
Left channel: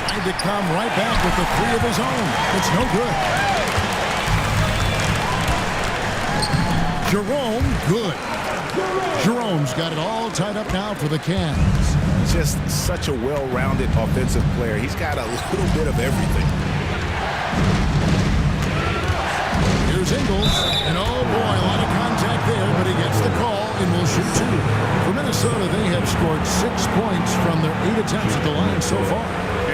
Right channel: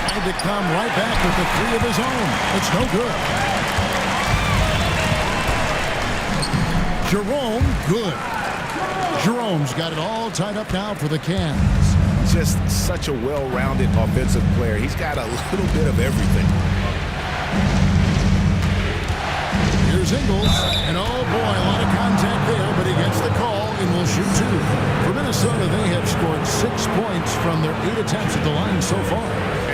Tried to come right back with the three of his own. It's no good. Jerome, good. Jerome's got it all tied up now for the Cavs. Just such a well-rounded offensive player. He's got a little bit of everything. Here's Ingles, and oh boy, a lot of contact there, but he gets the call and will shoot 2. For Minnesota, they have scored 6 points from their 8 attempts at the line so far.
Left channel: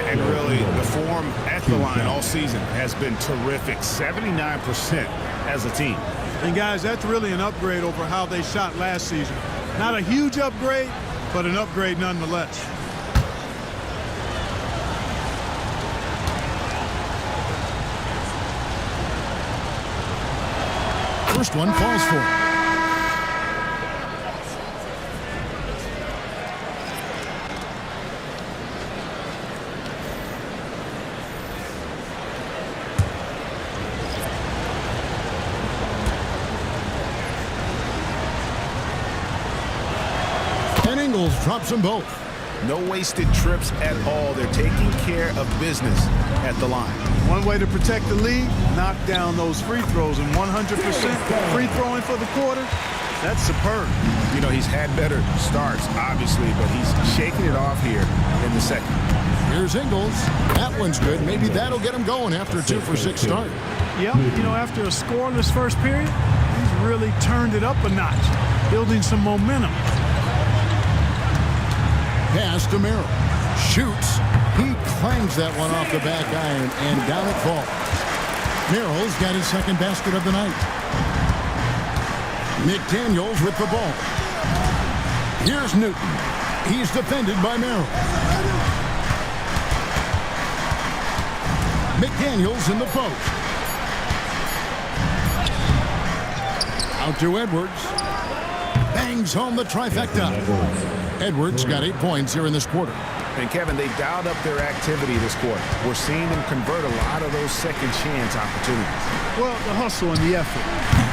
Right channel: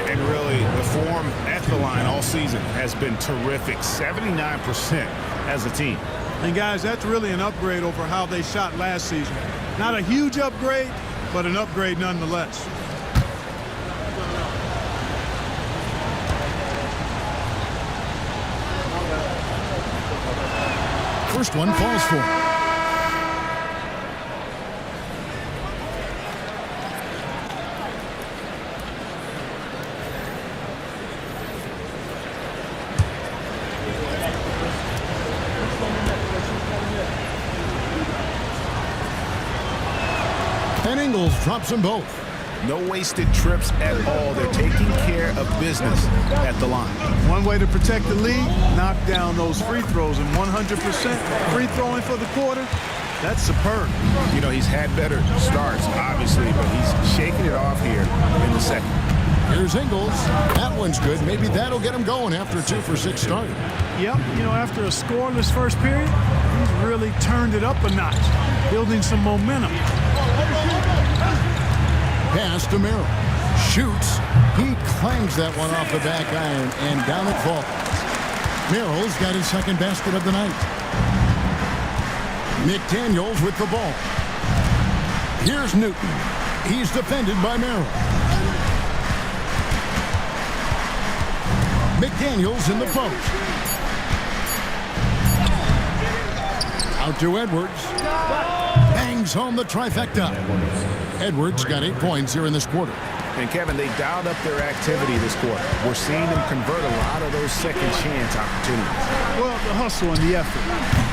And really, the form at the line all season has been terrific, 79% as a team. And guys, that's really an upgrade over how they shot last season. Not a huge upgrade, but an upgrade nonetheless. First one falls for him. And Ingles drops them both. No wasted trips at all. They're taking care of business at the line. One way to protect the lead, knock down those free throws, and 100% free throwing for the quarter, that's superb. You know, he's had better starts, obviously, but he's shaking it off here in the second. Here's Ingles. That one's good. Maybe that'll get him going after a 2-for-6 start. Yep, you know, after a scoreless first period, he's really turned it up a notch, building some momentum. Pass to Merrill. Shoots. He clangs that one off the back iron, and down it falls. Merrill's got his second basket of the night. McDaniels with the ball. Here's Newton. He's defended by Merrill. McDaniels in the post. Out to Edwards. Bangs home the trifecta. Edwards got 8 points here in this quarter. And, Kevin, they dialed up their activity this quarter. We're seeing them convert a lot of those second chance opportunities. Well, the hustle and the effort,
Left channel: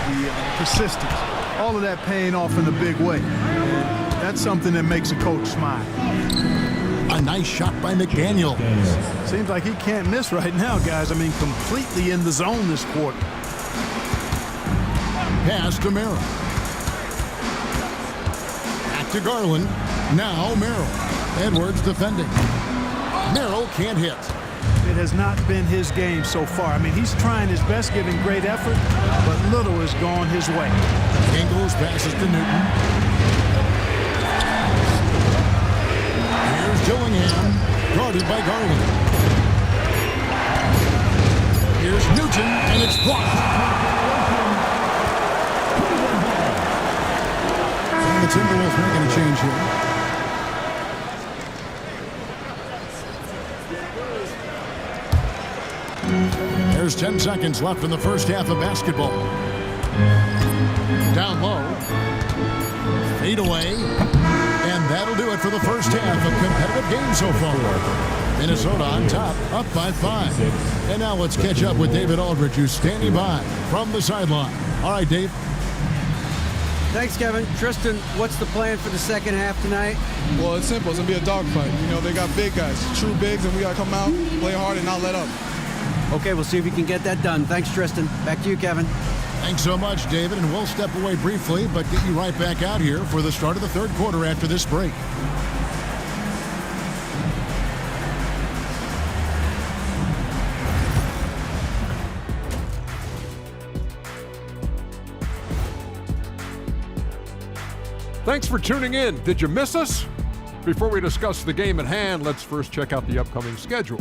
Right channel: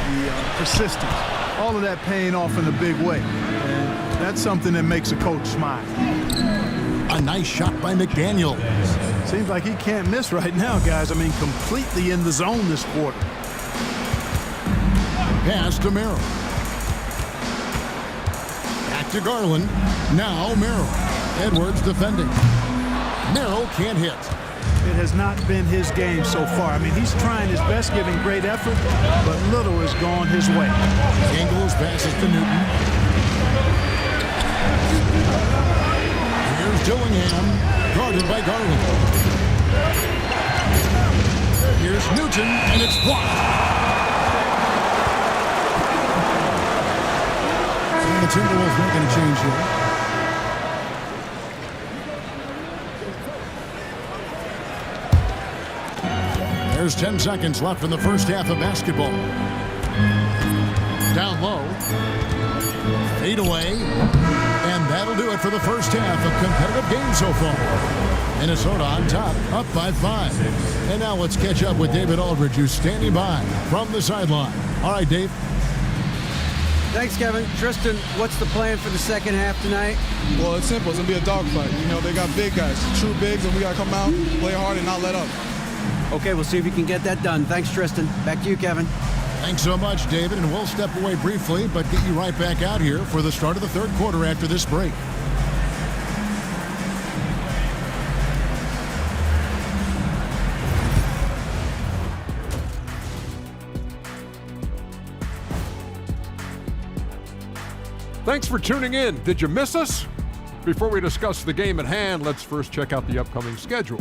the persistence, all of that paying off in a big way. And that's something that makes a coach smile. A nice shot by McDaniels. Seems like he can't miss right now, guys. I mean, completely in the zone this quarter. Pass to Merrill. Back to Garland. Now Merrill. Edwards defending. Merrill can't hit. It has not been his game so far. I mean, he's trying his best, giving great effort, but little has gone his way. Ingles passes to Newton. Here's Dillingham, guarded by Garland. Here's Newton, and it's blocked. And the Timberwolves making a change here. There's 10 seconds left in the first half of basketball. Down low. Fade away. And that'll do it for the first half of competitive game so far. Minnesota on top, up by 5. And now let's catch up with David Aldridge, who's standing by from the sideline. All right, Dave. Thanks, Kevin. Tristan, what's the plan for the second half tonight? Well, it's simple. It's going to be a dogfight. You know, they got big guys, true bigs, and we got to come out, play hard, and not let up. Okay, we'll see if you can get that done. Thanks, Tristan. Back to you, Kevin. Thanks so much, David, and we'll step away briefly, but get you right back out here for the start of the third quarter after this break. Thanks for tuning in. Did you miss us? Before we discuss the game at hand, let's first check out the upcoming schedule.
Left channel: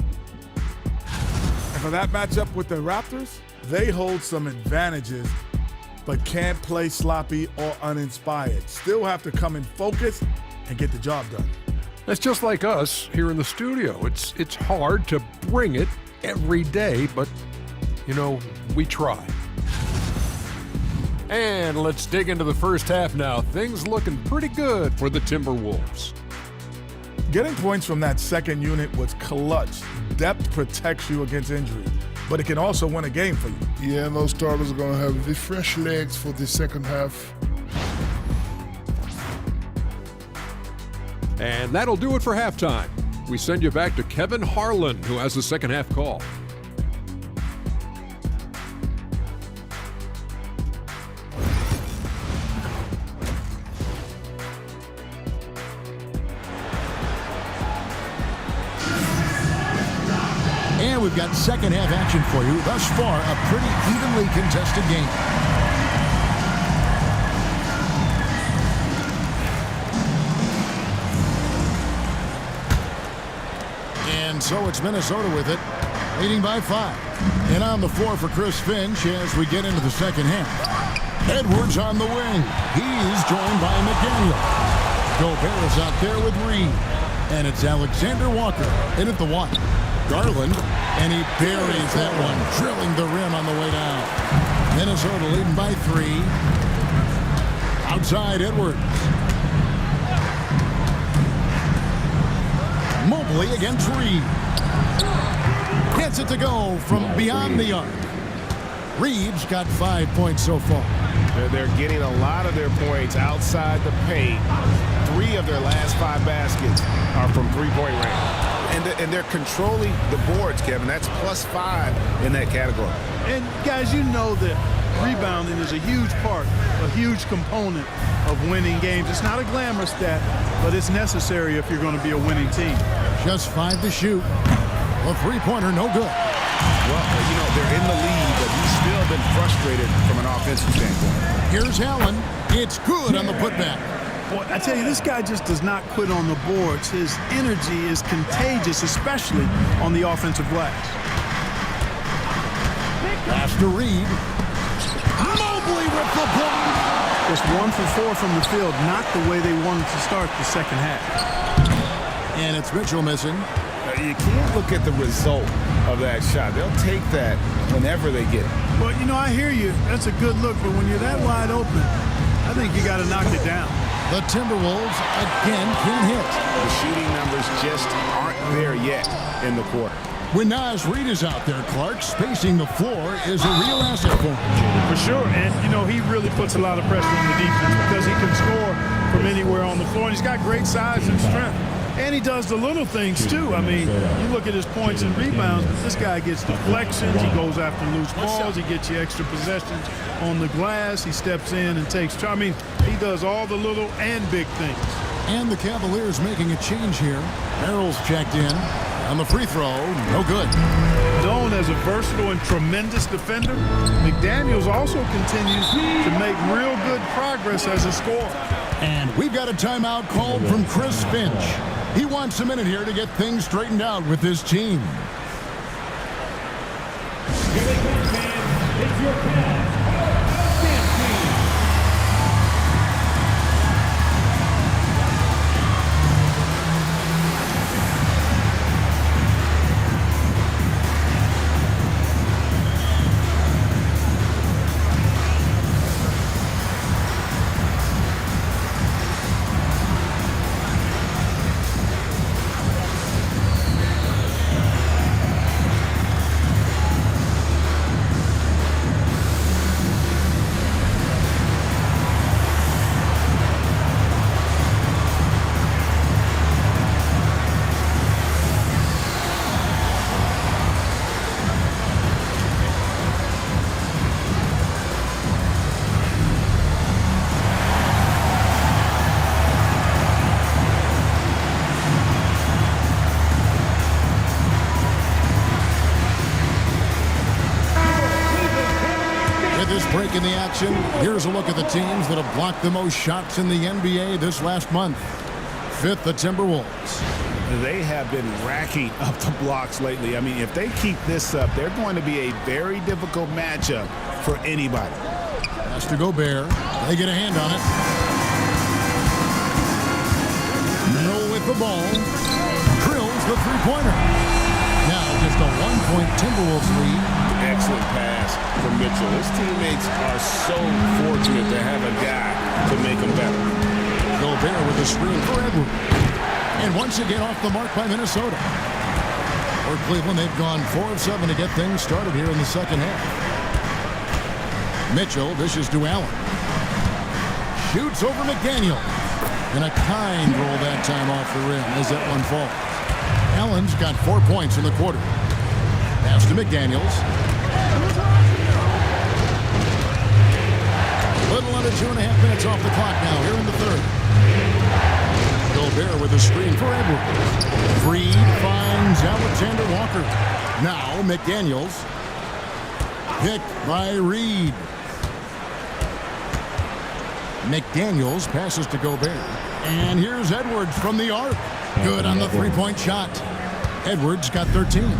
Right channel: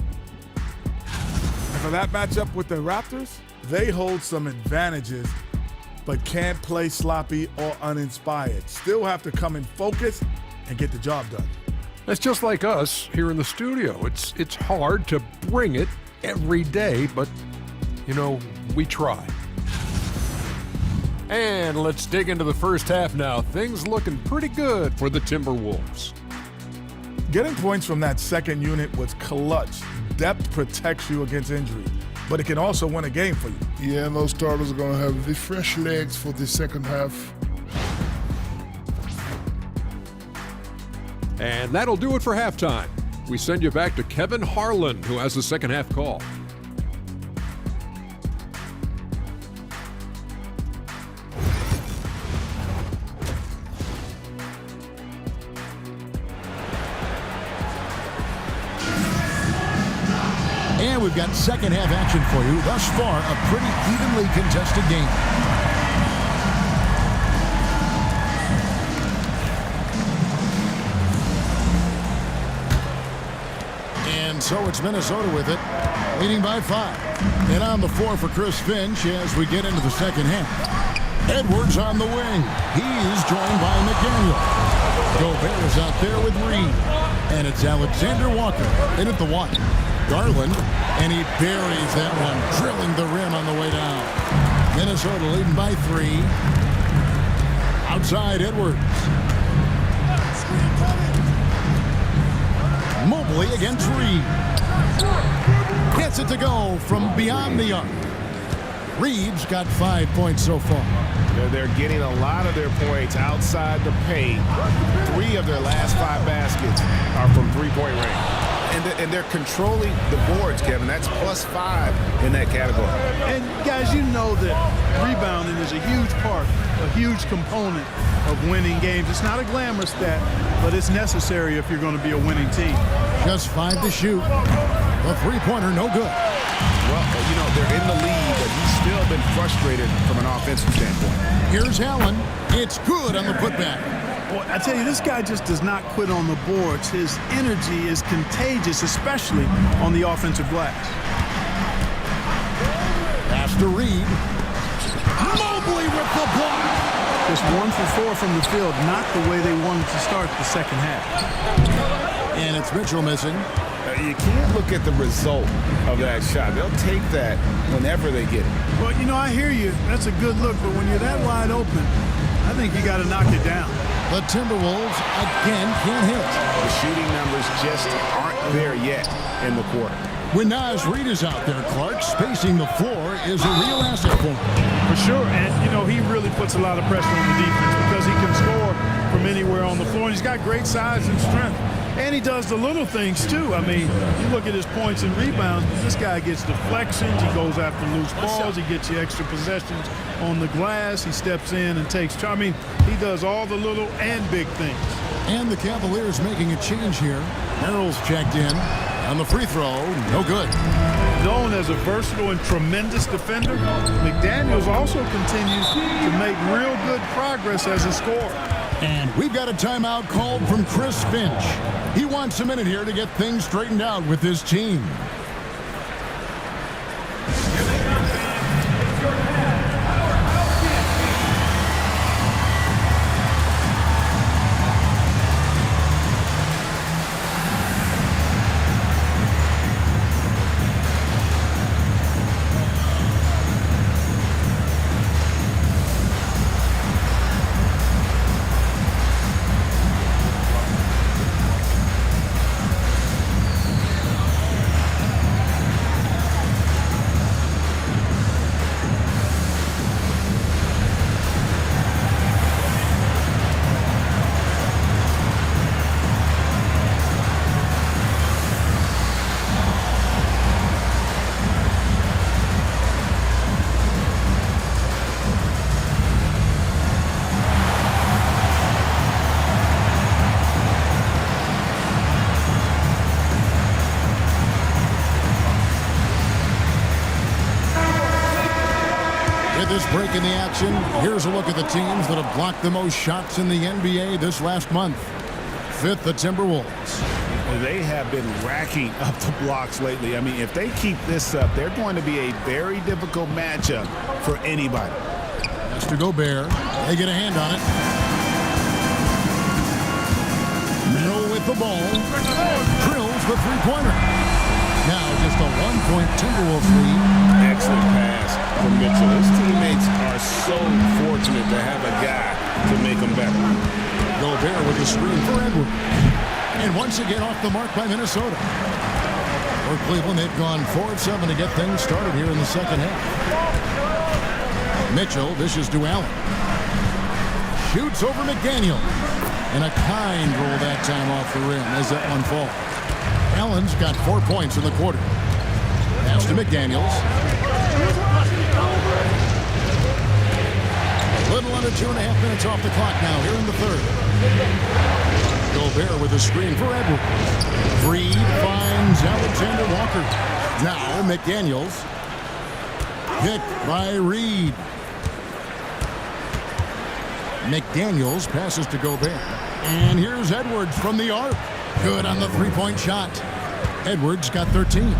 And for that matchup with the Raptors, they hold some advantages, but can't play sloppy or uninspired. Still have to come in focused and get the job done. It's just like us here in the studio. It's hard to bring it every day, but, you know, we try. And let's dig into the first half now. Things looking pretty good for the Timberwolves. Getting points from that second unit was clutch. Depth protects you against injury, but it can also win a game for you. Yeah, and those starters are going to have the fresh legs for the second half. And that'll do it for halftime. We send you back to Kevin Harlan, who has the second half call. And we've got second half action for you. Thus far, a pretty evenly contested game. And so it's Minnesota with it, leading by 5. And on the floor for Chris Finch as we get into the second half. Edwards on the wing. He's joined by McDaniels. Gobert is out there with Reed. And it's Alexander Walker in at the 1. Garland, and he buries that one, drilling the rim on the way down. Minnesota leading by 3. Outside Edwards. Mobley against Reed. Gets it to go from beyond the arc. Reed's got 5 points so far. They're getting a lot of their points outside the paint. 3 of their last 5 baskets are from three-point range. And they're controlling the boards, Kevin. That's +5 in that category. And, guys, you know that rebounding is a huge part, a huge component of winning games. It's not a glamorous stat, but it's necessary if you're going to be a winning team. Just 5 to shoot. The three-pointer, no good. Well, you know, they're in the lead, but he's still been frustrated from an offensive standpoint. Here's Allen. It's good on the putback. Boy, I tell you, this guy just does not quit on the boards. His energy is contagious, especially on the offensive glass. Pass to Reed. Mobley with the block. Just 1 for 4 from the field, not the way they wanted to start the second half. And it's Mitchell missing. You can't look at the result of that shot. They'll take that whenever they get it. Well, you know, I hear you. That's a good look, but when you're that wide open, I think you got to knock it down. The Timberwolves again can't hit. The shooting numbers just aren't there yet in the quarter. When Naz Reid is out there, Clark, spacing the floor is a real asset for him. For sure, and, you know, he really puts a lot of pressure on the defense because he can score from anywhere on the floor, and he's got great size and strength. And he does the little things, too. I mean, you look at his points and rebounds, but this guy gets deflections. He goes after loose balls. He gets you extra possessions on the glass. He steps in and takes. I mean, he does all the little and big things. And the Cavaliers making a change here. Merrill's checked in. On the free throw, no good. Known as a versatile and tremendous defender, McDaniels also continues to make real good progress as a scorer. And we've got a timeout called from Chris Finch. He wants a minute here to get things straightened out with his team. Here they come, fans. It's your Cavs Powerhouse Dance Team. With this break in the action, here's a look at the teams that have blocked the most shots in the NBA this last month. Fifth, the Timberwolves. They have been racking up the blocks lately. I mean, if they keep this up, they're going to be a very difficult matchup for anybody. Has to Gobert. They get a hand on it. Merrill with the ball. Drills the three-pointer. Now just a 1-point Timberwolves lead. Excellent pass from Mitchell. His teammates are so fortunate to have a guy to make them better. Gobert with a screen for Edwards. And once again off the mark by Minnesota. For Cleveland, they've gone 4 of 7 to get things started here in the second half. Mitchell dishes to Allen. Shoots over McDaniel. And a kind roll that time off the rim as that one falls. Allen's got 4 points in the quarter. Pass to McDaniels. A little under 2.5 minutes off the clock now here in the third. Gobert with a screen for Edwards. Reed finds Alexander Walker. Now McDaniels. Picked by Reed. McDaniels passes to Gobert. And here's Edwards from the arc. Good on the three-point shot. Edwards got 13.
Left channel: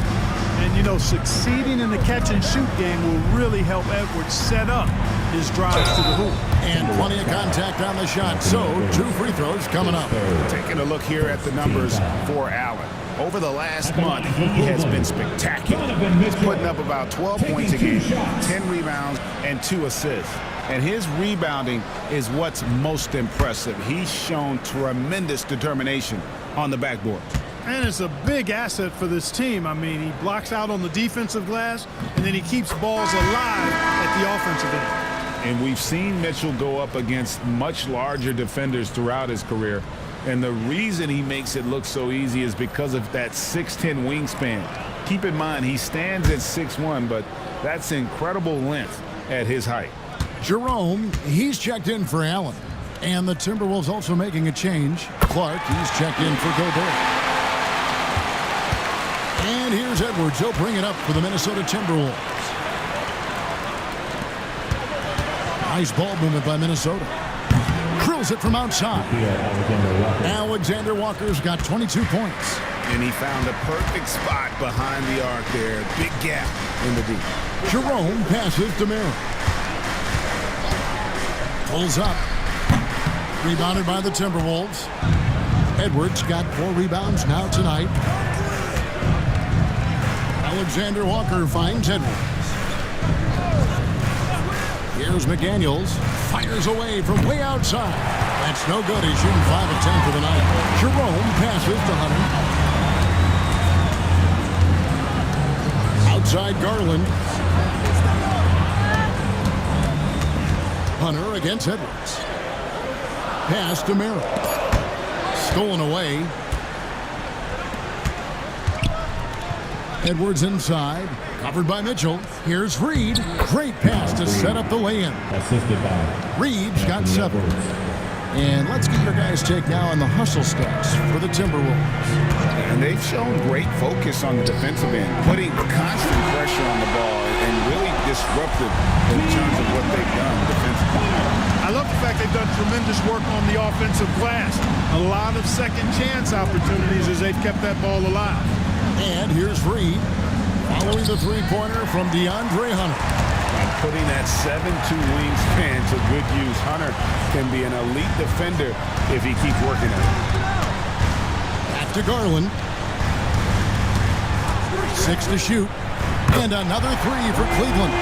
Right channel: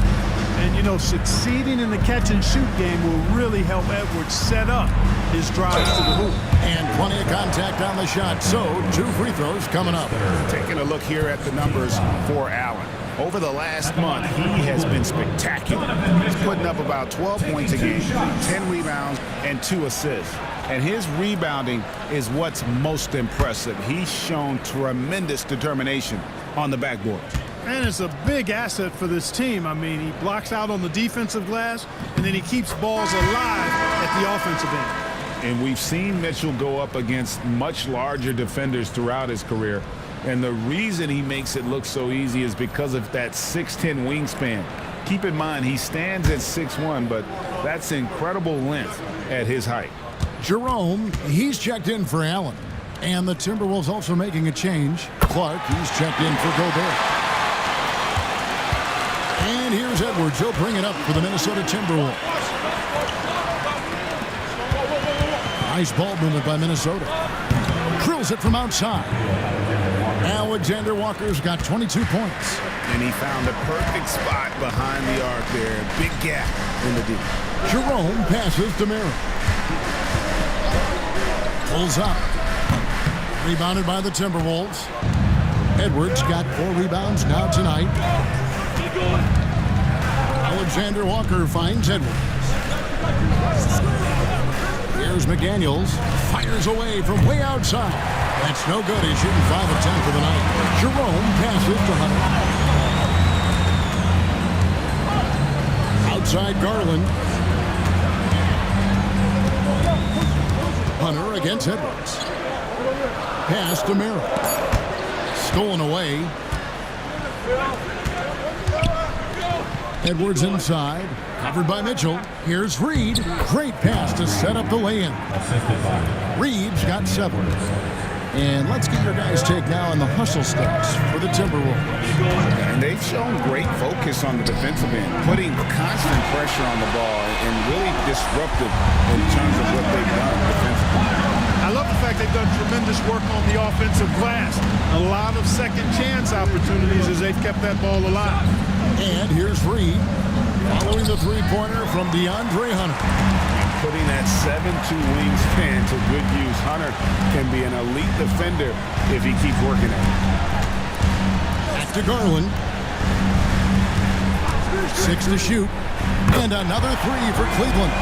And, you know, succeeding in the catch-and-shoot game will really help Edwards set up his drives to the hoop. And plenty of contact on the shot, so 2 free throws coming up. Taking a look here at the numbers for Allen. Over the last month, he has been spectacular. He's putting up about 12 points a game, 10 rebounds, and 2 assists. And his rebounding is what's most impressive. He's shown tremendous determination on the backboard. And it's a big asset for this team. I mean, he blocks out on the defensive glass, and then he keeps balls alive at the offensive end. And we've seen Mitchell go up against much larger defenders throughout his career. And the reason he makes it look so easy is because of that 6'10" wingspan. Keep in mind, he stands at 6'1", but that's incredible length at his height. Jerome, he's checked in for Allen. And the Timberwolves also making a change. Clark, he's checked in for Gobert. And here's Edwards. He'll bring it up for the Minnesota Timberwolves. Nice ball movement by Minnesota. Drills it from outside. Alexander Walker's got 22 points. And he found a perfect spot behind the arc there. Big gap in the D. Jerome passes to Merrill. Pulls up. Rebounded by the Timberwolves. Edwards got 4 rebounds now tonight. Alexander Walker finds Edwards. Here's McDaniels. Fires away from way outside. That's no good. He's shooting 5 of 10 for the night. Jerome passes to Hunter. Outside Garland. Hunter against Edwards. Pass to Merrill. Stolen away. Edwards inside. Covered by Mitchell. Here's Reed. Great pass to set up the lay-in. Assisted by Reed's got 7. And let's get your guys' take now on the hustle stats for the Timberwolves. And they've shown great focus on the defensive end, putting constant pressure on the ball and really disruptive in terms of what they've done defensively. I love the fact they've done tremendous work on the offensive glass. A lot of second chance opportunities as they've kept that ball alive. And here's Reed following the three-pointer from DeAndre Hunter. And putting that 7'2" wingspan to good use. Hunter can be an elite defender if he keeps working at it. Back to Garland. 6 to shoot. And another 3 for Cleveland.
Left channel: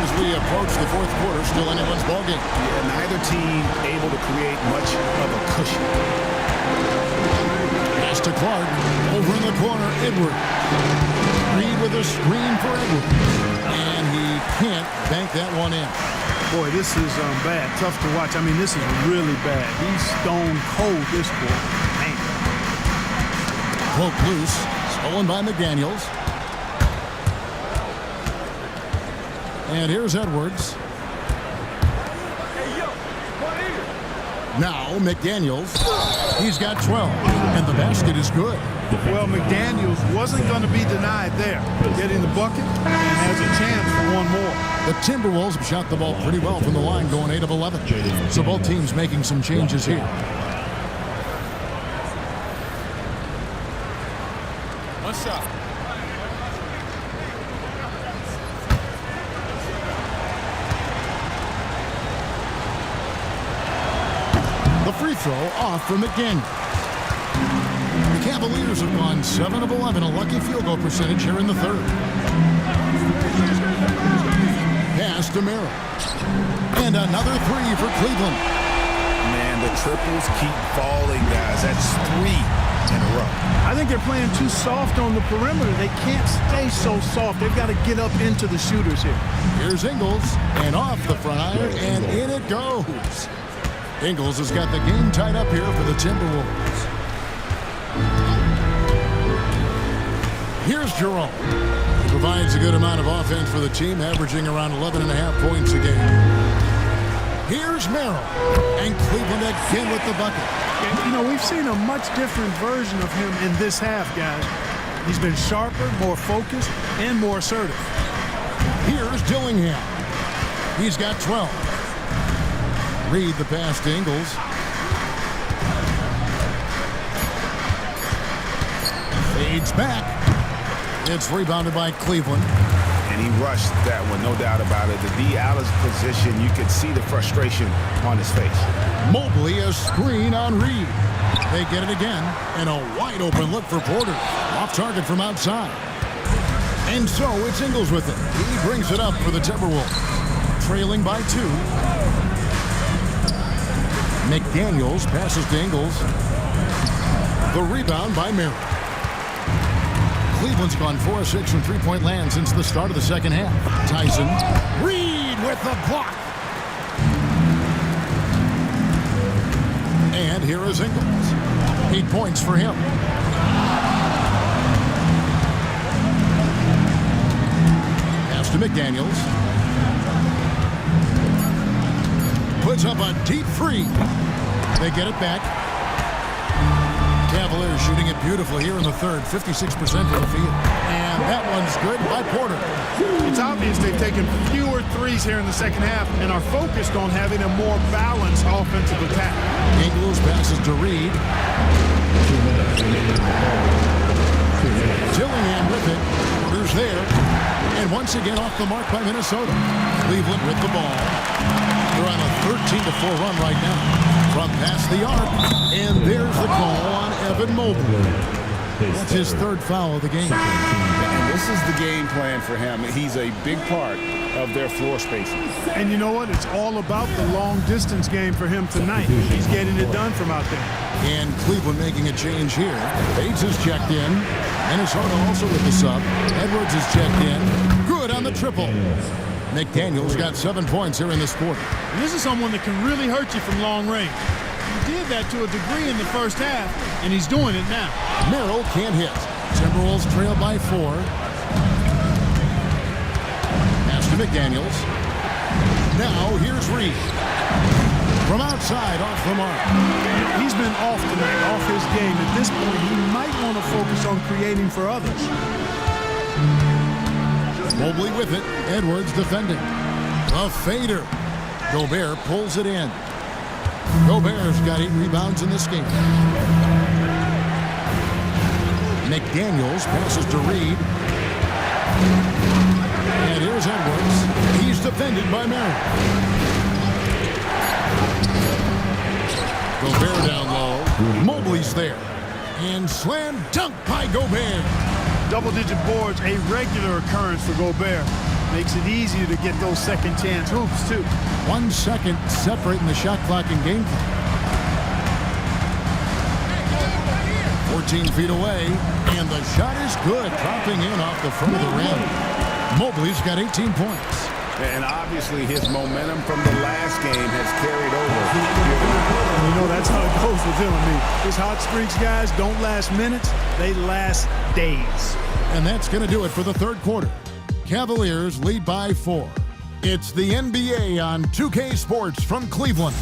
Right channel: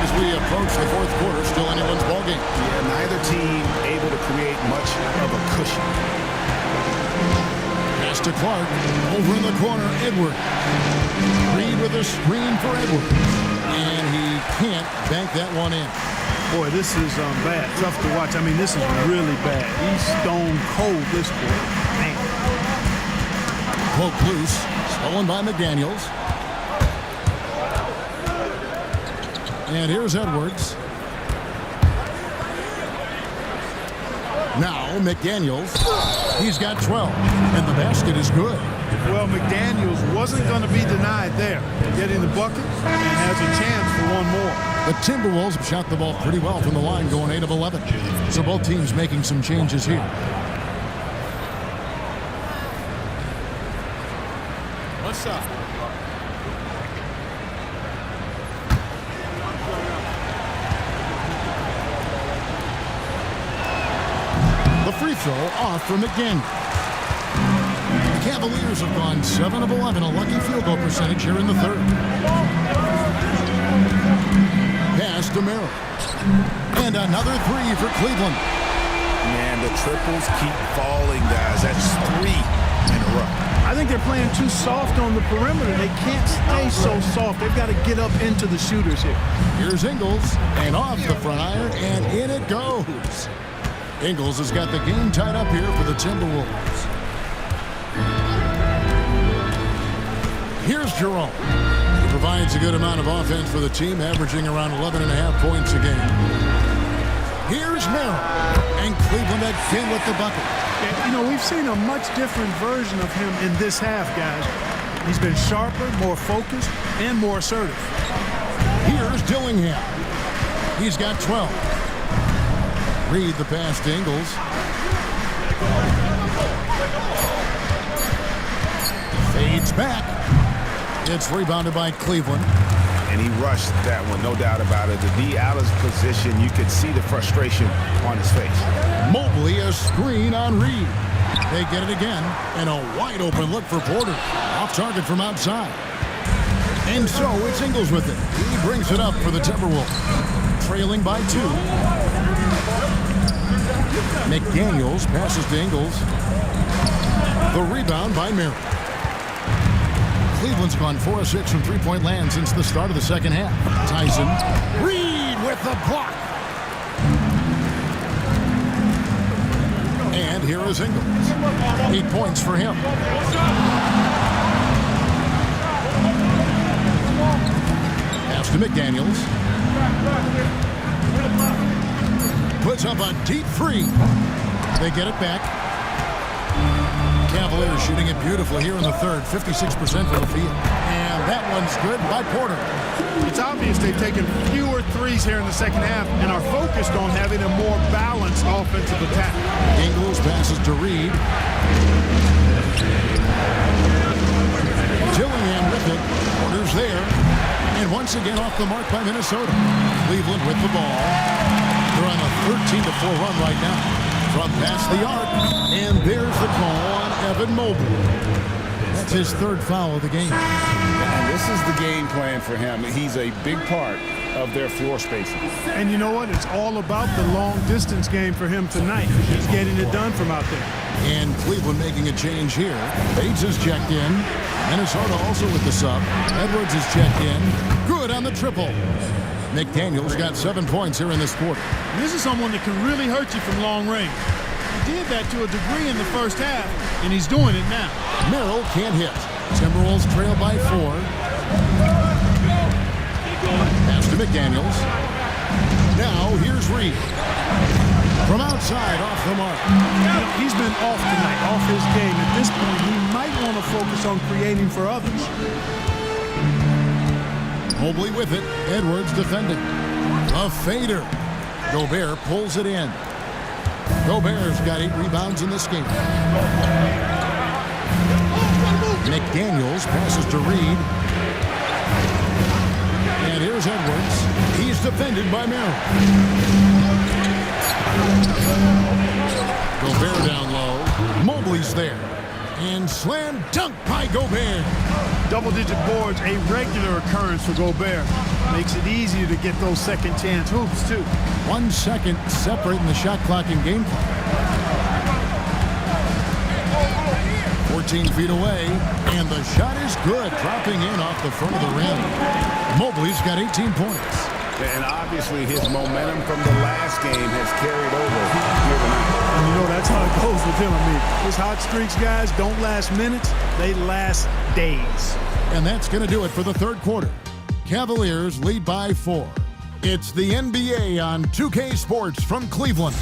As we approach the fourth quarter, still anyone's ballgame. Yeah, neither team able to create much of a cushion. Pass to Clark. Over in the corner, Edwards. Reed with a screen for Edwards. And he can't bank that one in. Boy, this is bad. Tough to watch. I mean, this is really bad. He's stone cold this quarter. Man. Poke loose. Stolen by McDaniels. And here's Edwards. Now McDaniels. He's got 12. And the basket is good. Well, McDaniels wasn't going to be denied there. Getting the bucket and has a chance for one more. The Timberwolves have shot the ball pretty well from the line, going 8 of 11. So both teams making some changes here. One shot. The free throw off for McDaniel. The Cavaliers have gone 7 of 11, a lucky field goal percentage here in the third. Pass to Merrill. And another 3 for Cleveland. Man, the triples keep falling, guys. That's 3 in a row. I think they're playing too soft on the perimeter. They can't stay so soft. They've got to get up into the shooters here. Here's Ingles, and off the front iron, and in it goes. Ingles has got the game tied up here for the Timberwolves. Here's Jerome. He provides a good amount of offense for the team, averaging around 11.5 points a game. Here's Merrill, and Cleveland again with the bucket. You know, we've seen a much different version of him in this half, guys. He's been sharper, more focused, and more assertive. Here's Dillingham. He's got 12. Reed the pass to Ingles. Fades back. It's rebounded by Cleveland. And he rushed that one, no doubt about it. The D out of position, you could see the frustration on his face. Mobley a screen on Reed. They get it again, and a wide open look for Porter. Off target from outside. And so it's Ingles with it. He brings it up for the Timberwolves. Trailing by 2. McDaniels passes to Ingles. The rebound by Merrill. Cleveland's gone 4 of 6 from three-point land since the start of the second half. Tyson. Reed with the block. And here is Ingles. 8 points for him. Pass to McDaniels. Puts up a deep 3. They get it back. Cavaliers shooting it beautifully here in the third, 56% from the field. And that one's good by Porter. It's obvious they've taken fewer threes here in the second half and are focused on having a more balanced offensive attack. Ingles passes to Reed. Dillingham with it. Porter's there. And once again off the mark by Minnesota. Cleveland with the ball. They're on a 13-4 run right now. From past the arc, and there's the call on Evan Mobley. That's his third foul of the game. And this is the game plan for him. He's a big part of their floor spacing. And you know what? It's all about the long distance game for him tonight. He's getting it done from out there. And Cleveland making a change here. Bates is checked in. Minnesota also with the sub. Edwards is checked in. Good on the triple. McDaniels got 7 points here in this quarter. And this is someone that can really hurt you from long range. He did that to a degree in the first half, and he's doing it now. Merrill can't hit. Timberwolves trail by 4. Pass to McDaniels. Now here's Reed. From outside, off the mark. You know, he's been off tonight, off his game. At this point, he might want to focus on creating for others. Mobley with it. Edwards defending. A fader. Gobert pulls it in. Gobert's got 8 rebounds in this game. McDaniels passes to Reed. And here's Edwards. He's defended by Merrill. Gobert down low. Mobley's there. And slam dunk by Gobert. Double-digit boards, a regular occurrence for Gobert. Makes it easier to get those second chance hoops, too. 1 second separating the shot clock and game clock. 14 feet away, and the shot is good, dropping in off the front of the rim. Mobley's got 18 points. And obviously his momentum from the last game has carried over here tonight. And you know that's how it goes with him. I mean, his hot streaks, guys, don't last minutes. They last days. And that's going to do it for the third quarter. Cavaliers lead by 4. It's the NBA on 2K Sports from Cleveland.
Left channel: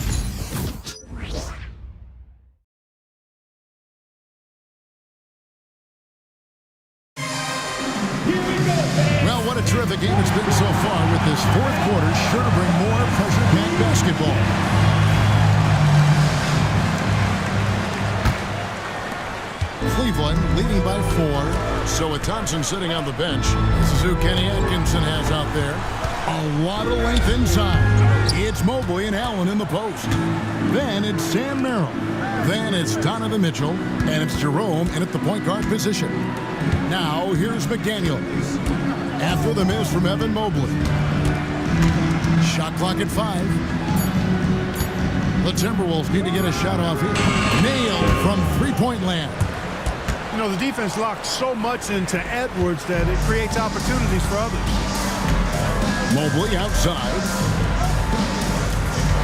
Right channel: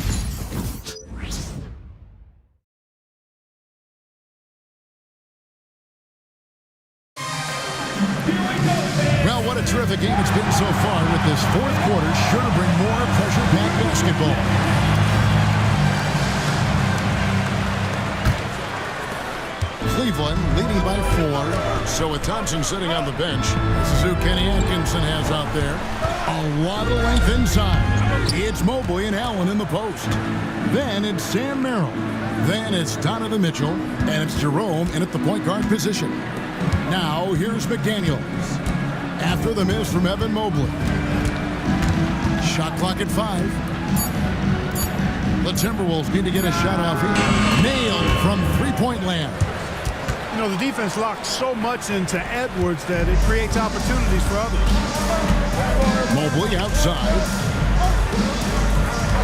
Well, what a terrific game it's been so far, with this fourth quarter sure to bring more pressure-packed basketball. Cleveland leading by 4. So with Thompson sitting on the bench, this is who Kenny Atkinson has out there. A lot of length inside. It's Mobley and Allen in the post. Then it's Sam Merrill. Then it's Donovan Mitchell. And it's Jerome in at the point guard position. Now here's McDaniels. After the miss from Evan Mobley. Shot clock at 5. The Timberwolves need to get a shot off here. Nailed from three-point land. You know, the defense locked so much into Edwards that it creates opportunities for others. Mobley outside.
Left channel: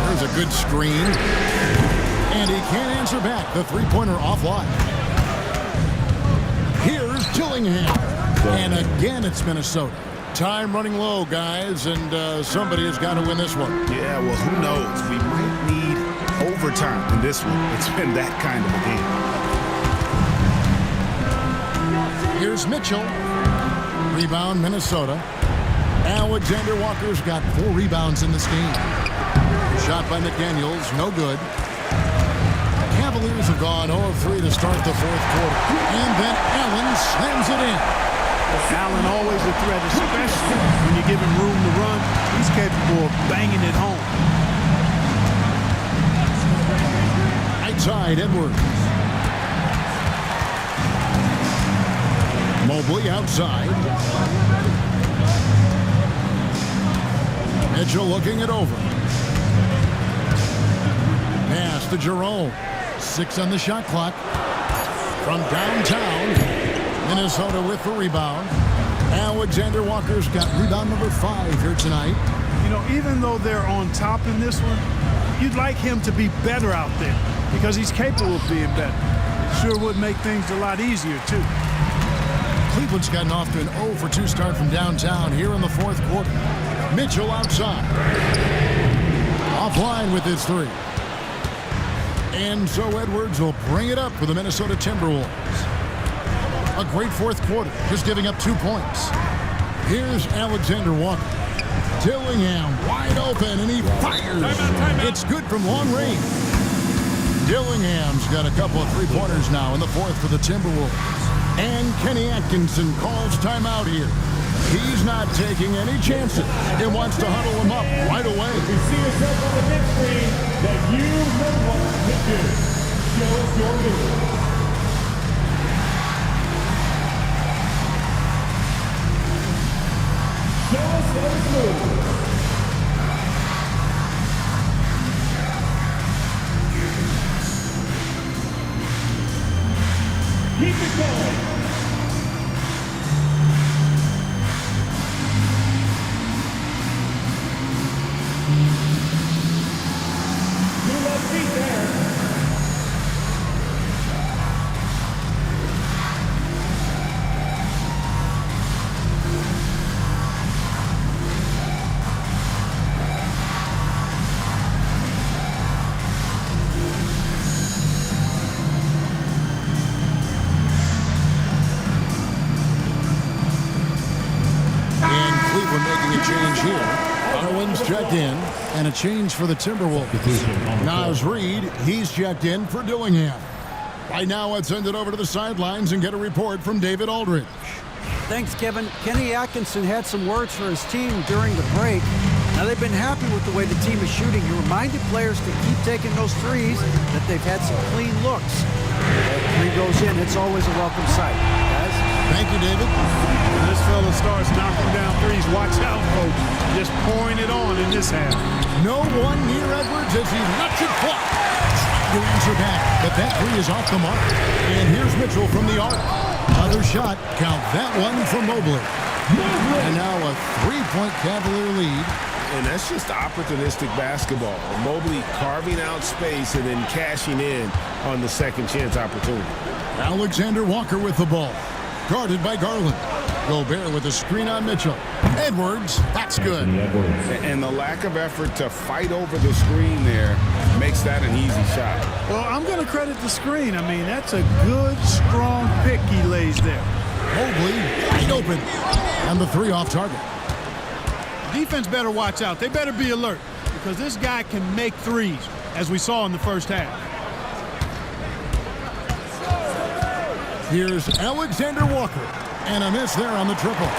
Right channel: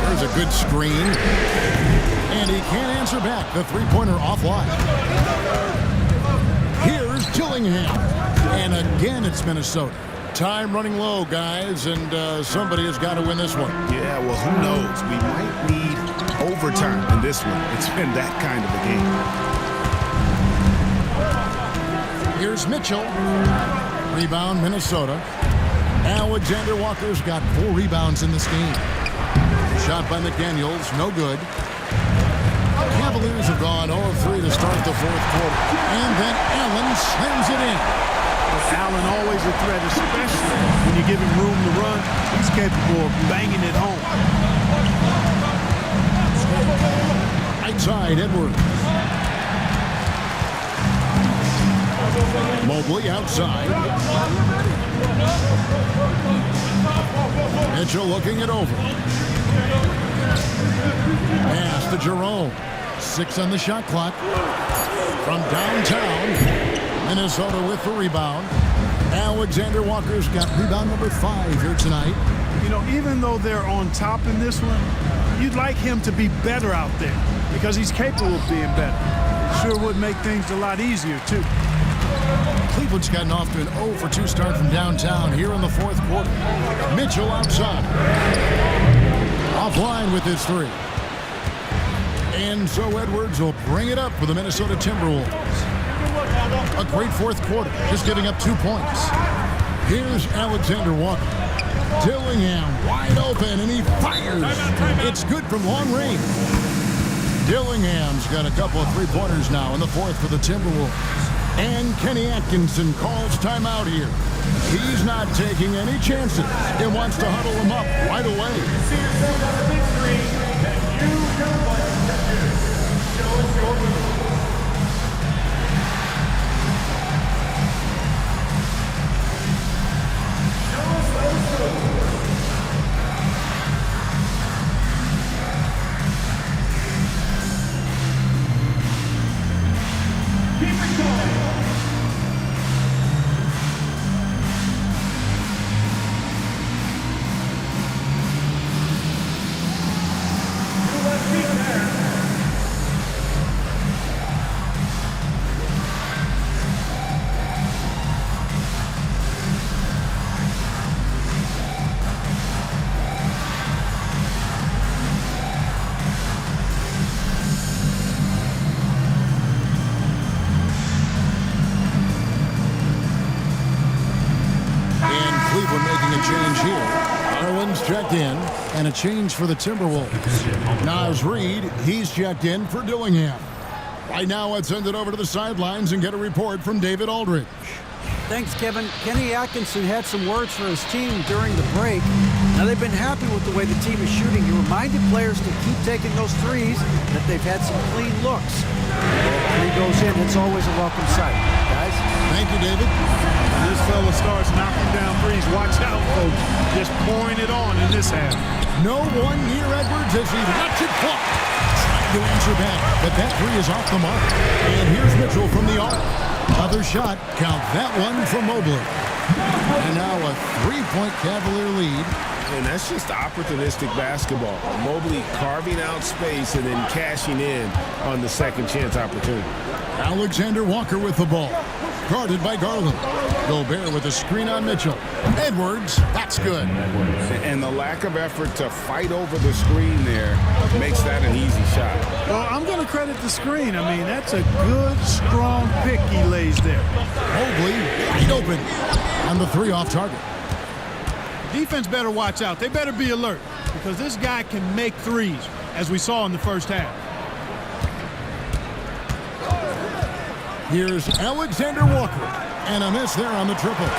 There's a good screen. And he can't answer back. The three-pointer offline. Here's Dillingham. And again, it's Minnesota. Time running low, guys, and somebody has got to win this one. Yeah, well, who knows? We might need overtime in this one. It's been that kind of a game. Here's Mitchell. Rebound, Minnesota. Alexander Walker's got 4 rebounds in this game. Shot by McDaniels, no good. Cavaliers have gone 0 of 3 to start the fourth quarter. And then Allen slams it in. Well, Allen always a threat, especially when you give him room to run. He's capable of banging it home. Outside, Edwards. Mobley outside. Mitchell looking it over. Pass to Jerome. 6 on the shot clock. From downtown, Minnesota with the rebound. Alexander Walker's got rebound number 5 here tonight. You know, even though they're on top in this one, you'd like him to be better out there because he's capable of being better. It sure would make things a lot easier, too. Cleveland's gotten off to an 0 for 2 start from downtown here in the fourth quarter. Mitchell outside. Offline with his 3. And so Edwards will bring it up for the Minnesota Timberwolves. A great fourth quarter, just giving up 2 points. Here's Alexander Walker. Dillingham wide open, and he fires. Timeout. It's good from long range. Dillingham's got a couple of three-pointers now in the fourth for the Timberwolves. And Kenny Atkinson calls timeout here. He's not taking any chances and wants to huddle him up right away. You see yourself on the big screen that you know what to do. Show us your move. Keep it going. Your left feet there. And Cleveland making a change here. Garland's checked in, and a change for the Timberwolves. Naz Reid, he's checked in for Dillingham. Right now, let's send it over to the sidelines and get a report from David Aldridge. Thanks, Kevin. Kenny Atkinson had some words for his team during the break. Now, they've been happy with the way the team is shooting. He reminded players to keep taking those threes, that they've had some clean looks. That three goes in, it's always a welcome sight. Guys? Thank you, David. When this fella starts knocking down threes, watch out, folks. Just pouring it on in this half. No one near Edwards as he lets it fly. Trying to answer back, but that three is off the mark. And here's Mitchell from the arc. Another shot. Count that one for Mobley. And now a three-point Cavalier lead. And that's just opportunistic basketball. Mobley carving out space and then cashing in on the second chance opportunity. Alexander Walker with the ball. Guarded by Garland. Gobert with a screen on Mitchell. Edwards, that's good. And the lack of effort to fight over the screen there makes that an easy shot. Well, I'm going to credit the screen. I mean, that's a good, strong pick he lays there. Mobley wide open. And the three off target. Defense better watch out. They better be alert because this guy can make threes, as we saw in the first half. Here's Alexander Walker. And a miss there on the triple.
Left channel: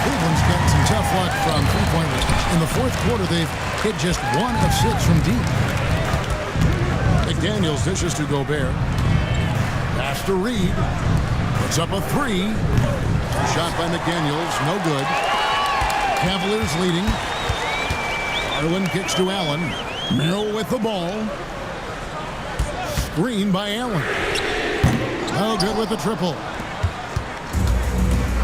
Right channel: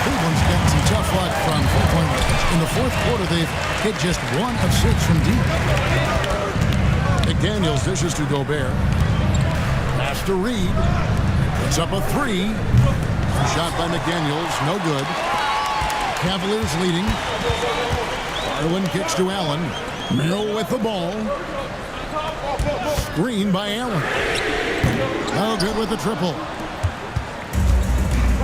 Cleveland's gotten some tough luck from three-point range. In the fourth quarter, they've hit just 1 of 6 from deep. McDaniels dishes to Gobert. Pass to Reid. Puts up a three. Shot by McDaniels, no good. Cavaliers leading. Garland kicks to Allen. Merrill with the ball. Screen by Allen. No good with the triple.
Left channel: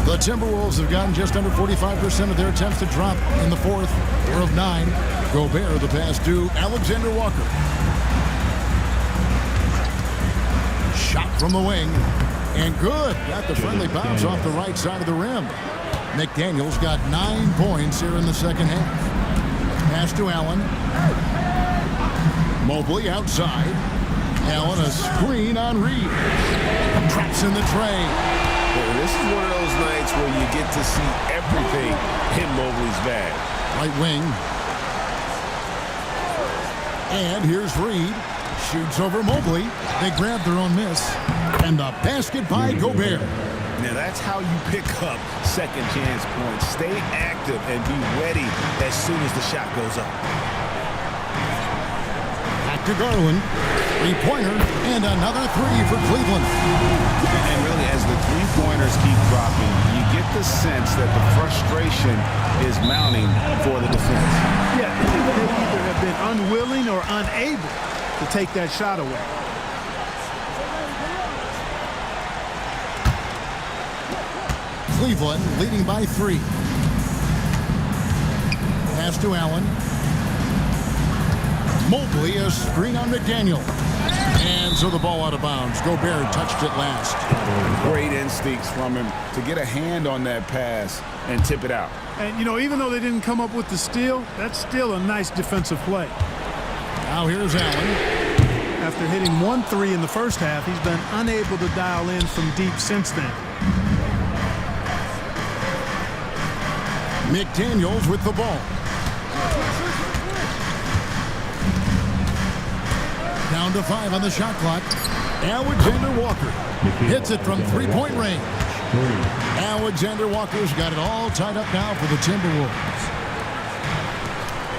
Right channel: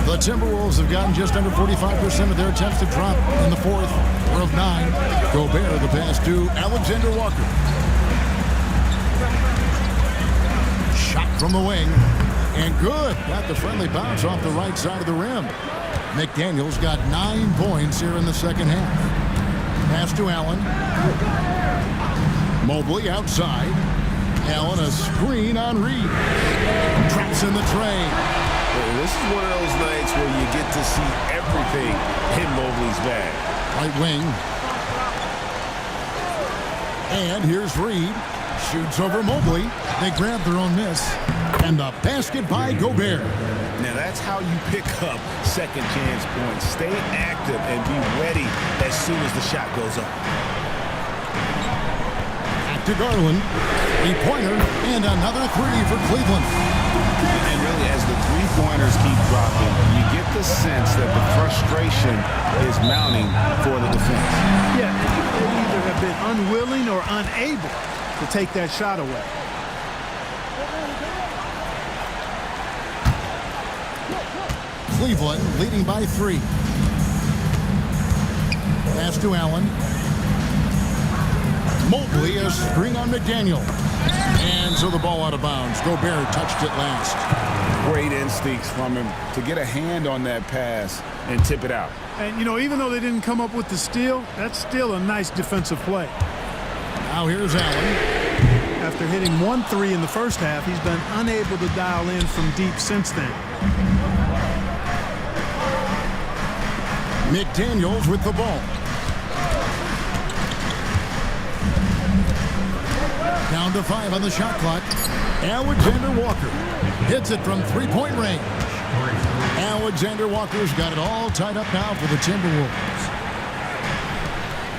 The Timberwolves have gotten just under 45% of their attempts to drop in the fourth. 4 of 9. Gobert the pass to Alexander Walker. Shot from the wing. And good. Got the friendly bounce off the right side of the rim. McDaniels got 9 points here in the second half. Pass to Allen. Mobley outside. Allen a screen on Reid. Traps in the tray. This is one of those nights where you get to see everything in Mobley's bag. Right wing. And here's Reid. Shoots over Mobley. They grab their own miss. And the basket by Gobert. Now that's how you pick up second chance points. Stay active and be ready as soon as the shot goes up. Back to Garland. Three-pointer and another three for Cleveland. And really, as the three-pointers keep dropping, you get the sense that the frustration is mounting for the defense. Yeah, they either have been unwilling or unable to take that shot away. Cleveland leading by 3. Pass to Allen. Mobley, a screen on McDaniel. And so the ball out of bounds. Gobert touched it last. Great instincts from him to get a hand on that pass and tip it out. And, you know, even though they didn't come up with the steal, that's still a nice defensive play. Now here's Allen. After hitting 1 3 in the first half, he's been unable to dial in from deep since then. McDaniels with the ball. Down to 5 on the shot clock. Alexander Walker hits it from three-point range. Alexander Walker's got it all tied up now for the Timberwolves.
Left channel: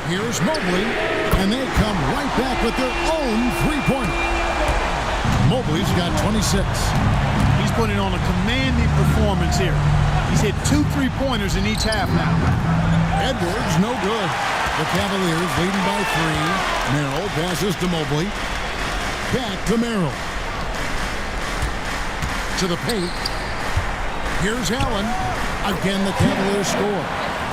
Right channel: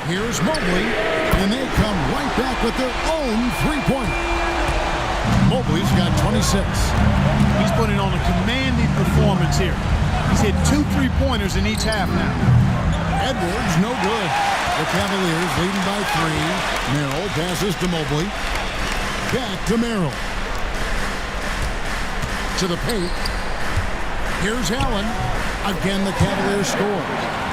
Here's Mobley, and they come right back with their own three-pointer. Mobley's got 26. He's putting on a commanding performance here. He's hit 2 3-pointers in each half now. Edwards, no good. The Cavaliers leading by 3. Merrill passes to Mobley. Back to Merrill. To the paint. Here's Allen. Again, the Cavaliers score.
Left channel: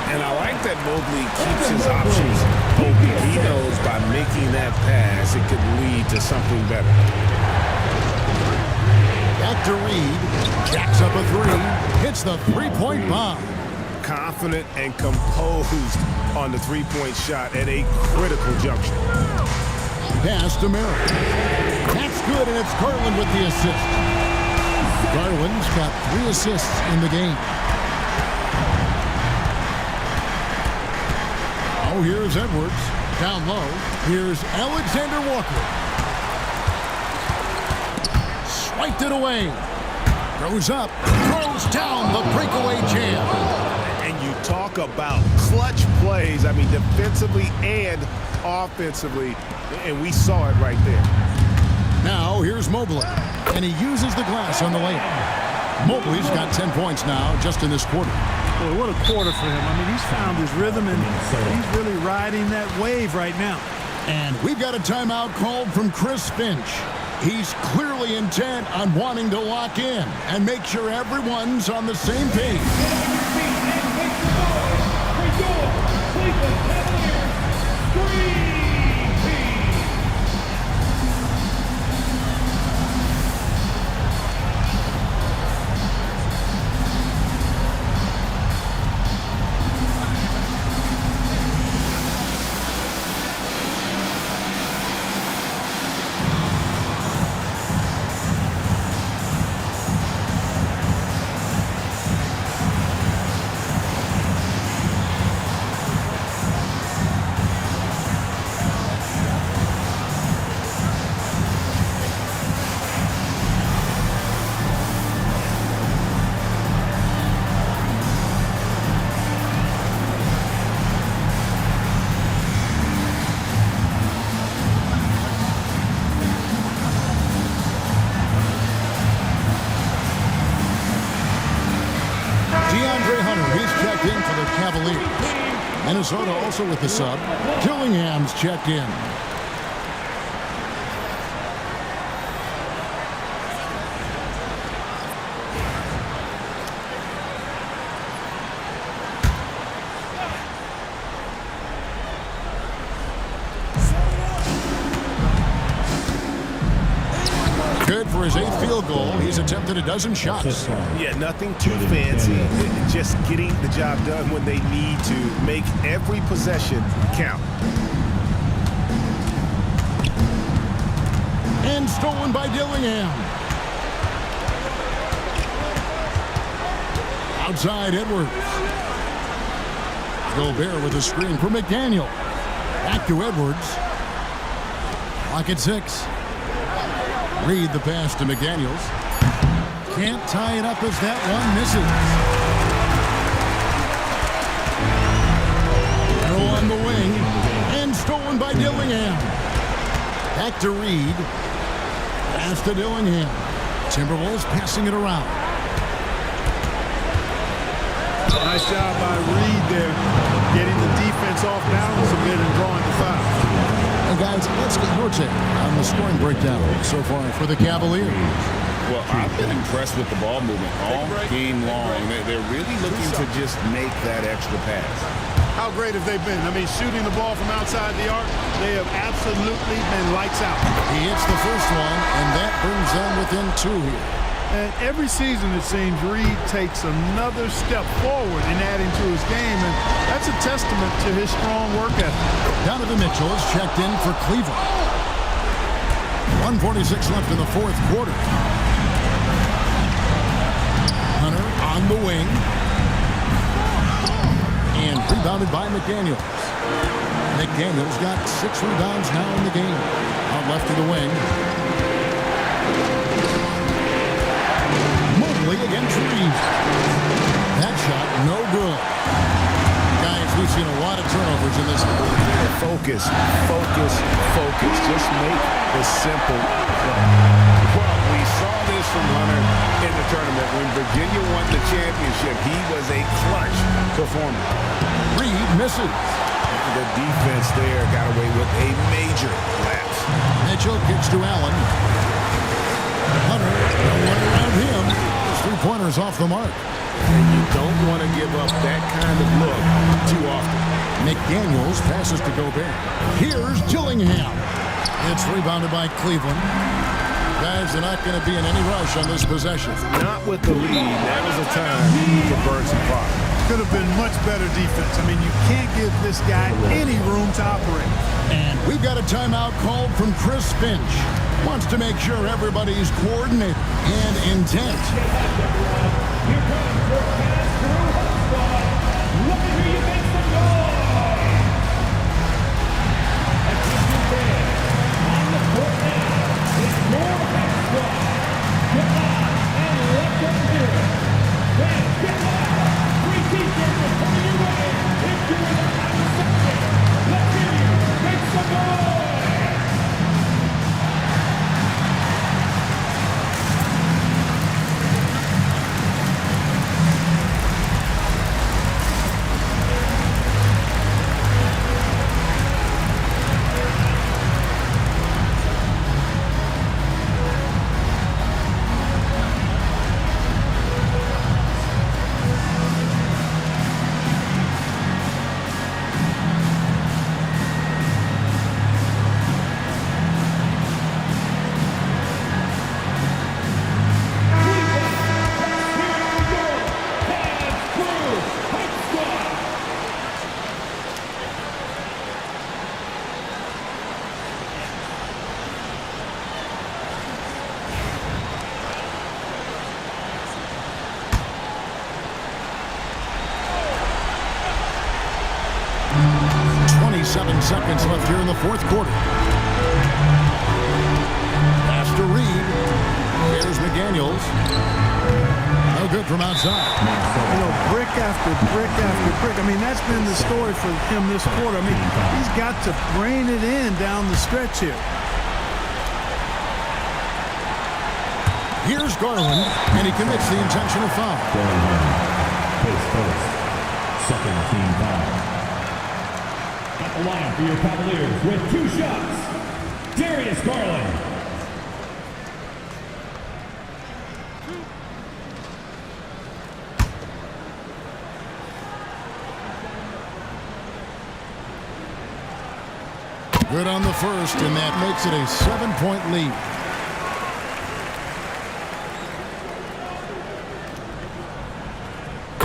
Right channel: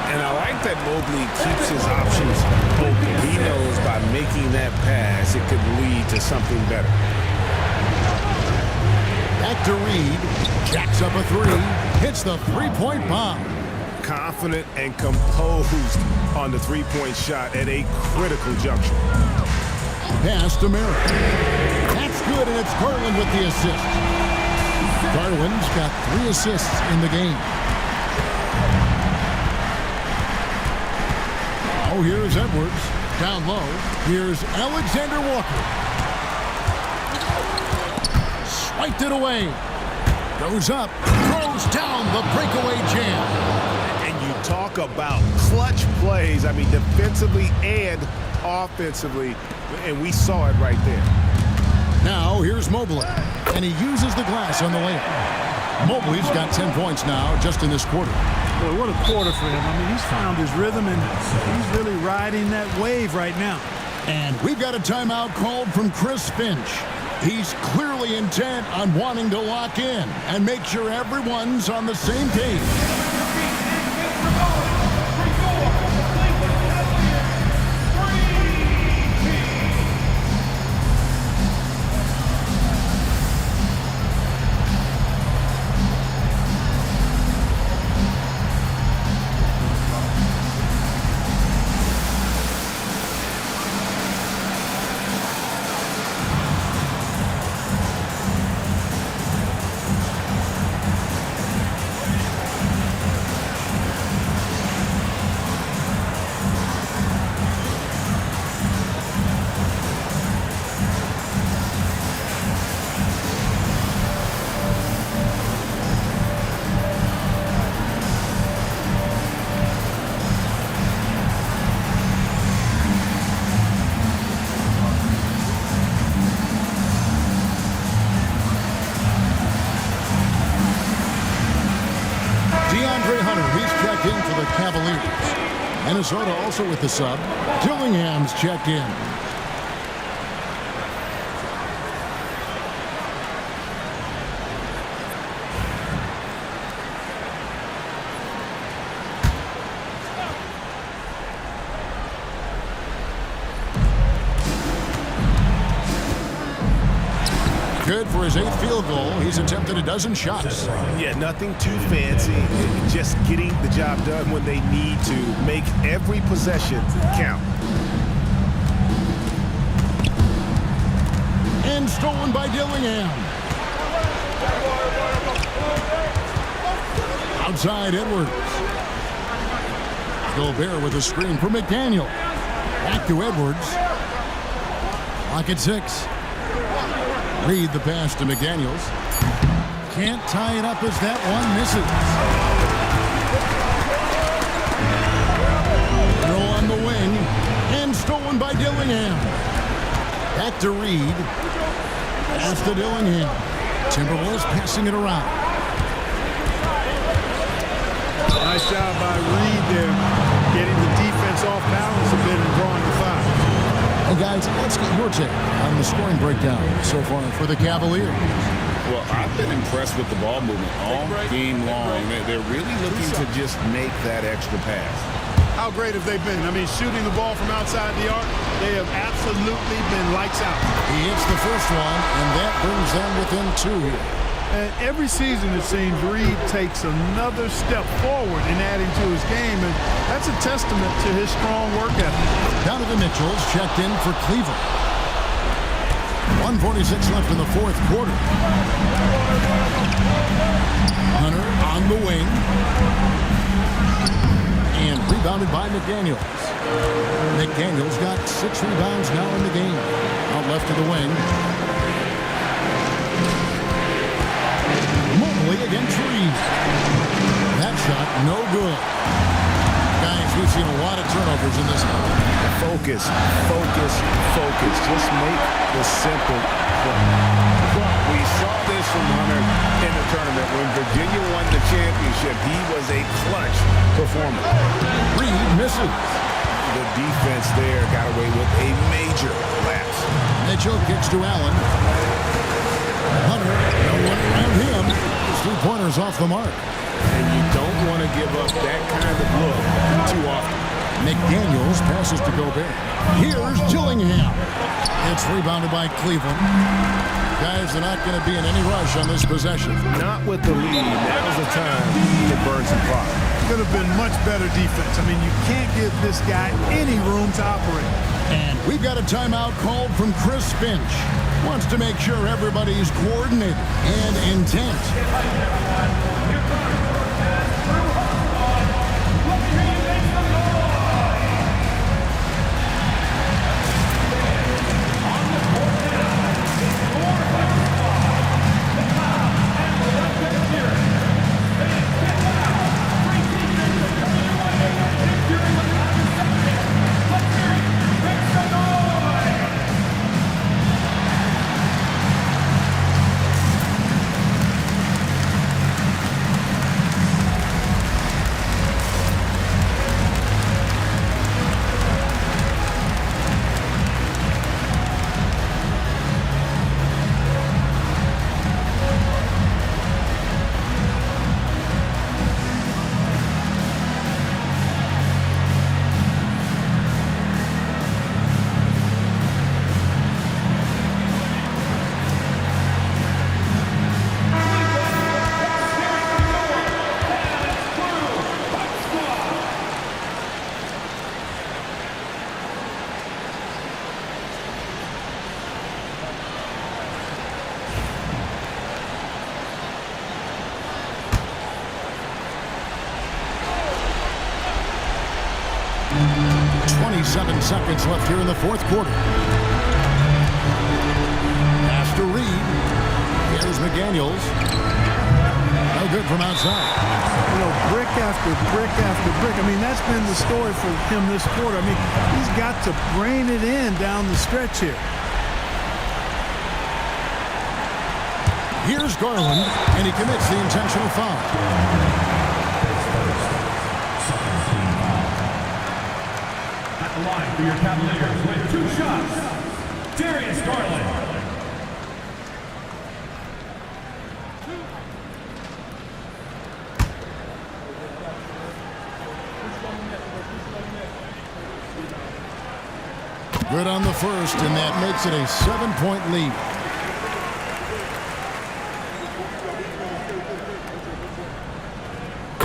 And I like that Mobley keeps his options open. He knows by making that pass, it could lead to something better. Back to Reed. Jacks up a 3. Hits the three-point bomb. Confident and composed on the three-point shot at a critical juncture. Pass to Merrill. That's good, and it's Garland with the assist. Garland's got 3 assists in the game. Oh, here's Edwards. Down low. Here's Alexander Walker. Swiped it away. Goes up. Throws down the breakaway jam. And you talk about clutch plays. I mean, defensively and offensively. And we saw it right there. Now, here's Mobley. And he uses the glass on the layup. Mobley's got 10 points now just in this quarter. Boy, what a quarter for him. I mean, he's found his rhythm, and he's really riding that wave right now. And we've got a timeout called from Chris Finch. He's clearly intent on wanting to lock in and make sure everyone's on the same page. He's checked in for the Cavaliers. Minnesota also with the sub. Dillingham's checked in. Good for his 8th field goal. He's attempted a dozen shots. Yeah, nothing too fancy. Just getting the job done when they need to. Make every possession count. And stolen by Dillingham. Outside Edwards. Gobert with a screen for McDaniel. Back to Edwards. Clock at 6. Reed the pass to McDaniels. Can't tie it up as that one misses. Merrill on the wing. And stolen by Dillingham. Back to Reed. Pass to Dillingham. Timberwolves passing it around. Nice job by Reed there, getting the defense off balance a bit and drawing the foul. And guys, let's get your take on the scoring breakdown so far for the Cavaliers. Well, I've been impressed with the ball movement all game long. They're really looking to just make that extra pass. How great have they been? I mean, shooting the ball from outside the arc, they have absolutely been lights out. He hits the first one, and that brings them within 2 here. And every season, it seems, Reed takes another step forward in adding to his game, and that's a testament to his strong work ethic. Donovan Mitchell's checked in for Cleveland. 1:46 left in the 4th quarter. Hunter on the wing. And rebounded by McDaniels. McDaniels got 6 rebounds now in the game. Out left to the wing. Mobley against Reed. That shot, no good. Guys, we've seen a lot of turnovers in this game. Focus, focus, focus. Just make the simple play. Well, We saw this from Hunter in the tournament. When Virginia won the championship, he was a clutch performer. Reed misses. The defense there got away with a major lapse. Mitchell kicks to Allen. Hunter, no one around him. His three-pointer's off the mark. And you don't want to give up that kind of look too often. McDaniels passes to Gobert. Here's Gillingham. It's rebounded by Cleveland. Guys, they're not going to be in any rush on this possession. Not with the lead. Now's the time to burn some product. Could have been much better defense. I mean, you can't give this guy any room to operate. And we've got a timeout called from Chris Finch. Wants to make sure everybody's coordinated and intent. Here comes your pass-through hot squad. Let me hear you make some noise. On the court now is your hot squad. Get loud and let them hear it. Fans, get loud. Free t-shirts are coming your way. If you're in the comment section, let's hear you make some noise. Seven seconds left here in the fourth quarter. Pass to Reed. Here's McDaniels. No good from outside. You know, brick after brick after brick. I mean, that's been the story for him this quarter. I mean, he's got to rein it in down the stretch here. Here's Garland, and he commits the intentional foul. His first. Second team foul. At the line for your Cavaliers with 2 shots, Darius Garland. Good on the first, and that makes it a 7-point lead.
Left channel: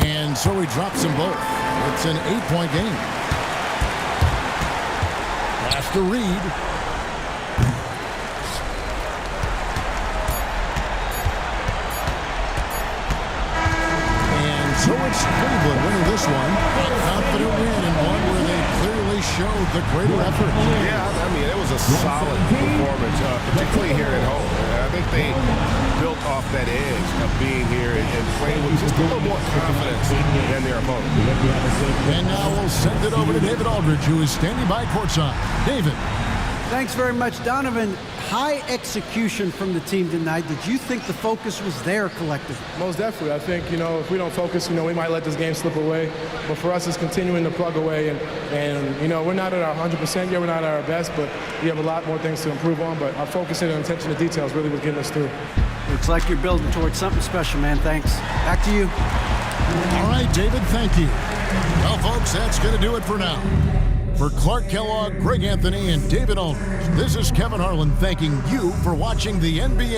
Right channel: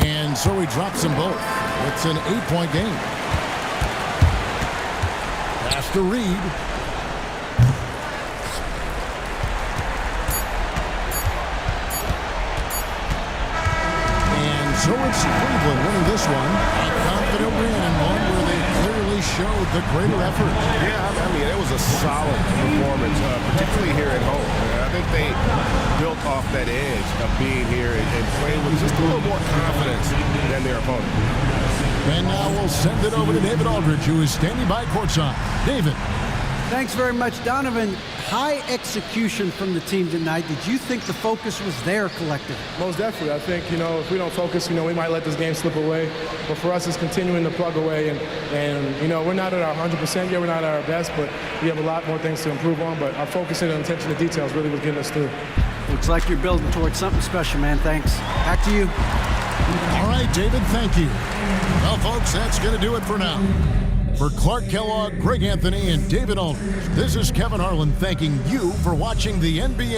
And so he drops them both. It's an 8-point game. Pass to Reed. And so it's Cleveland winning this one. A confident win and one where they clearly showed the greater effort. Yeah, I mean, it was a solid performance, particularly here at home. I think they built off that edge of being here and playing with just a little more confidence than their opponent. And now we'll send it over to David Aldridge, who is standing by courtside. David. Thanks very much, Donovan. High execution from the team tonight. Did you think the focus was there collectively? Most definitely. I think, if we don't focus, we might let this game slip away. But for us, it's continuing to plug away. And we're not at our 100% yet. We're not at our best, but we have a lot more things to improve on. But our focus and attention to details really was getting us through. Looks like you're building towards something special, man. Thanks. Back to you. All right, David, thank you. Well, folks, that's going to do it for now. For Clark Kellogg, Greg Anthony, and David Aldridge, this is Kevin Harlan thanking you for watching the NBA.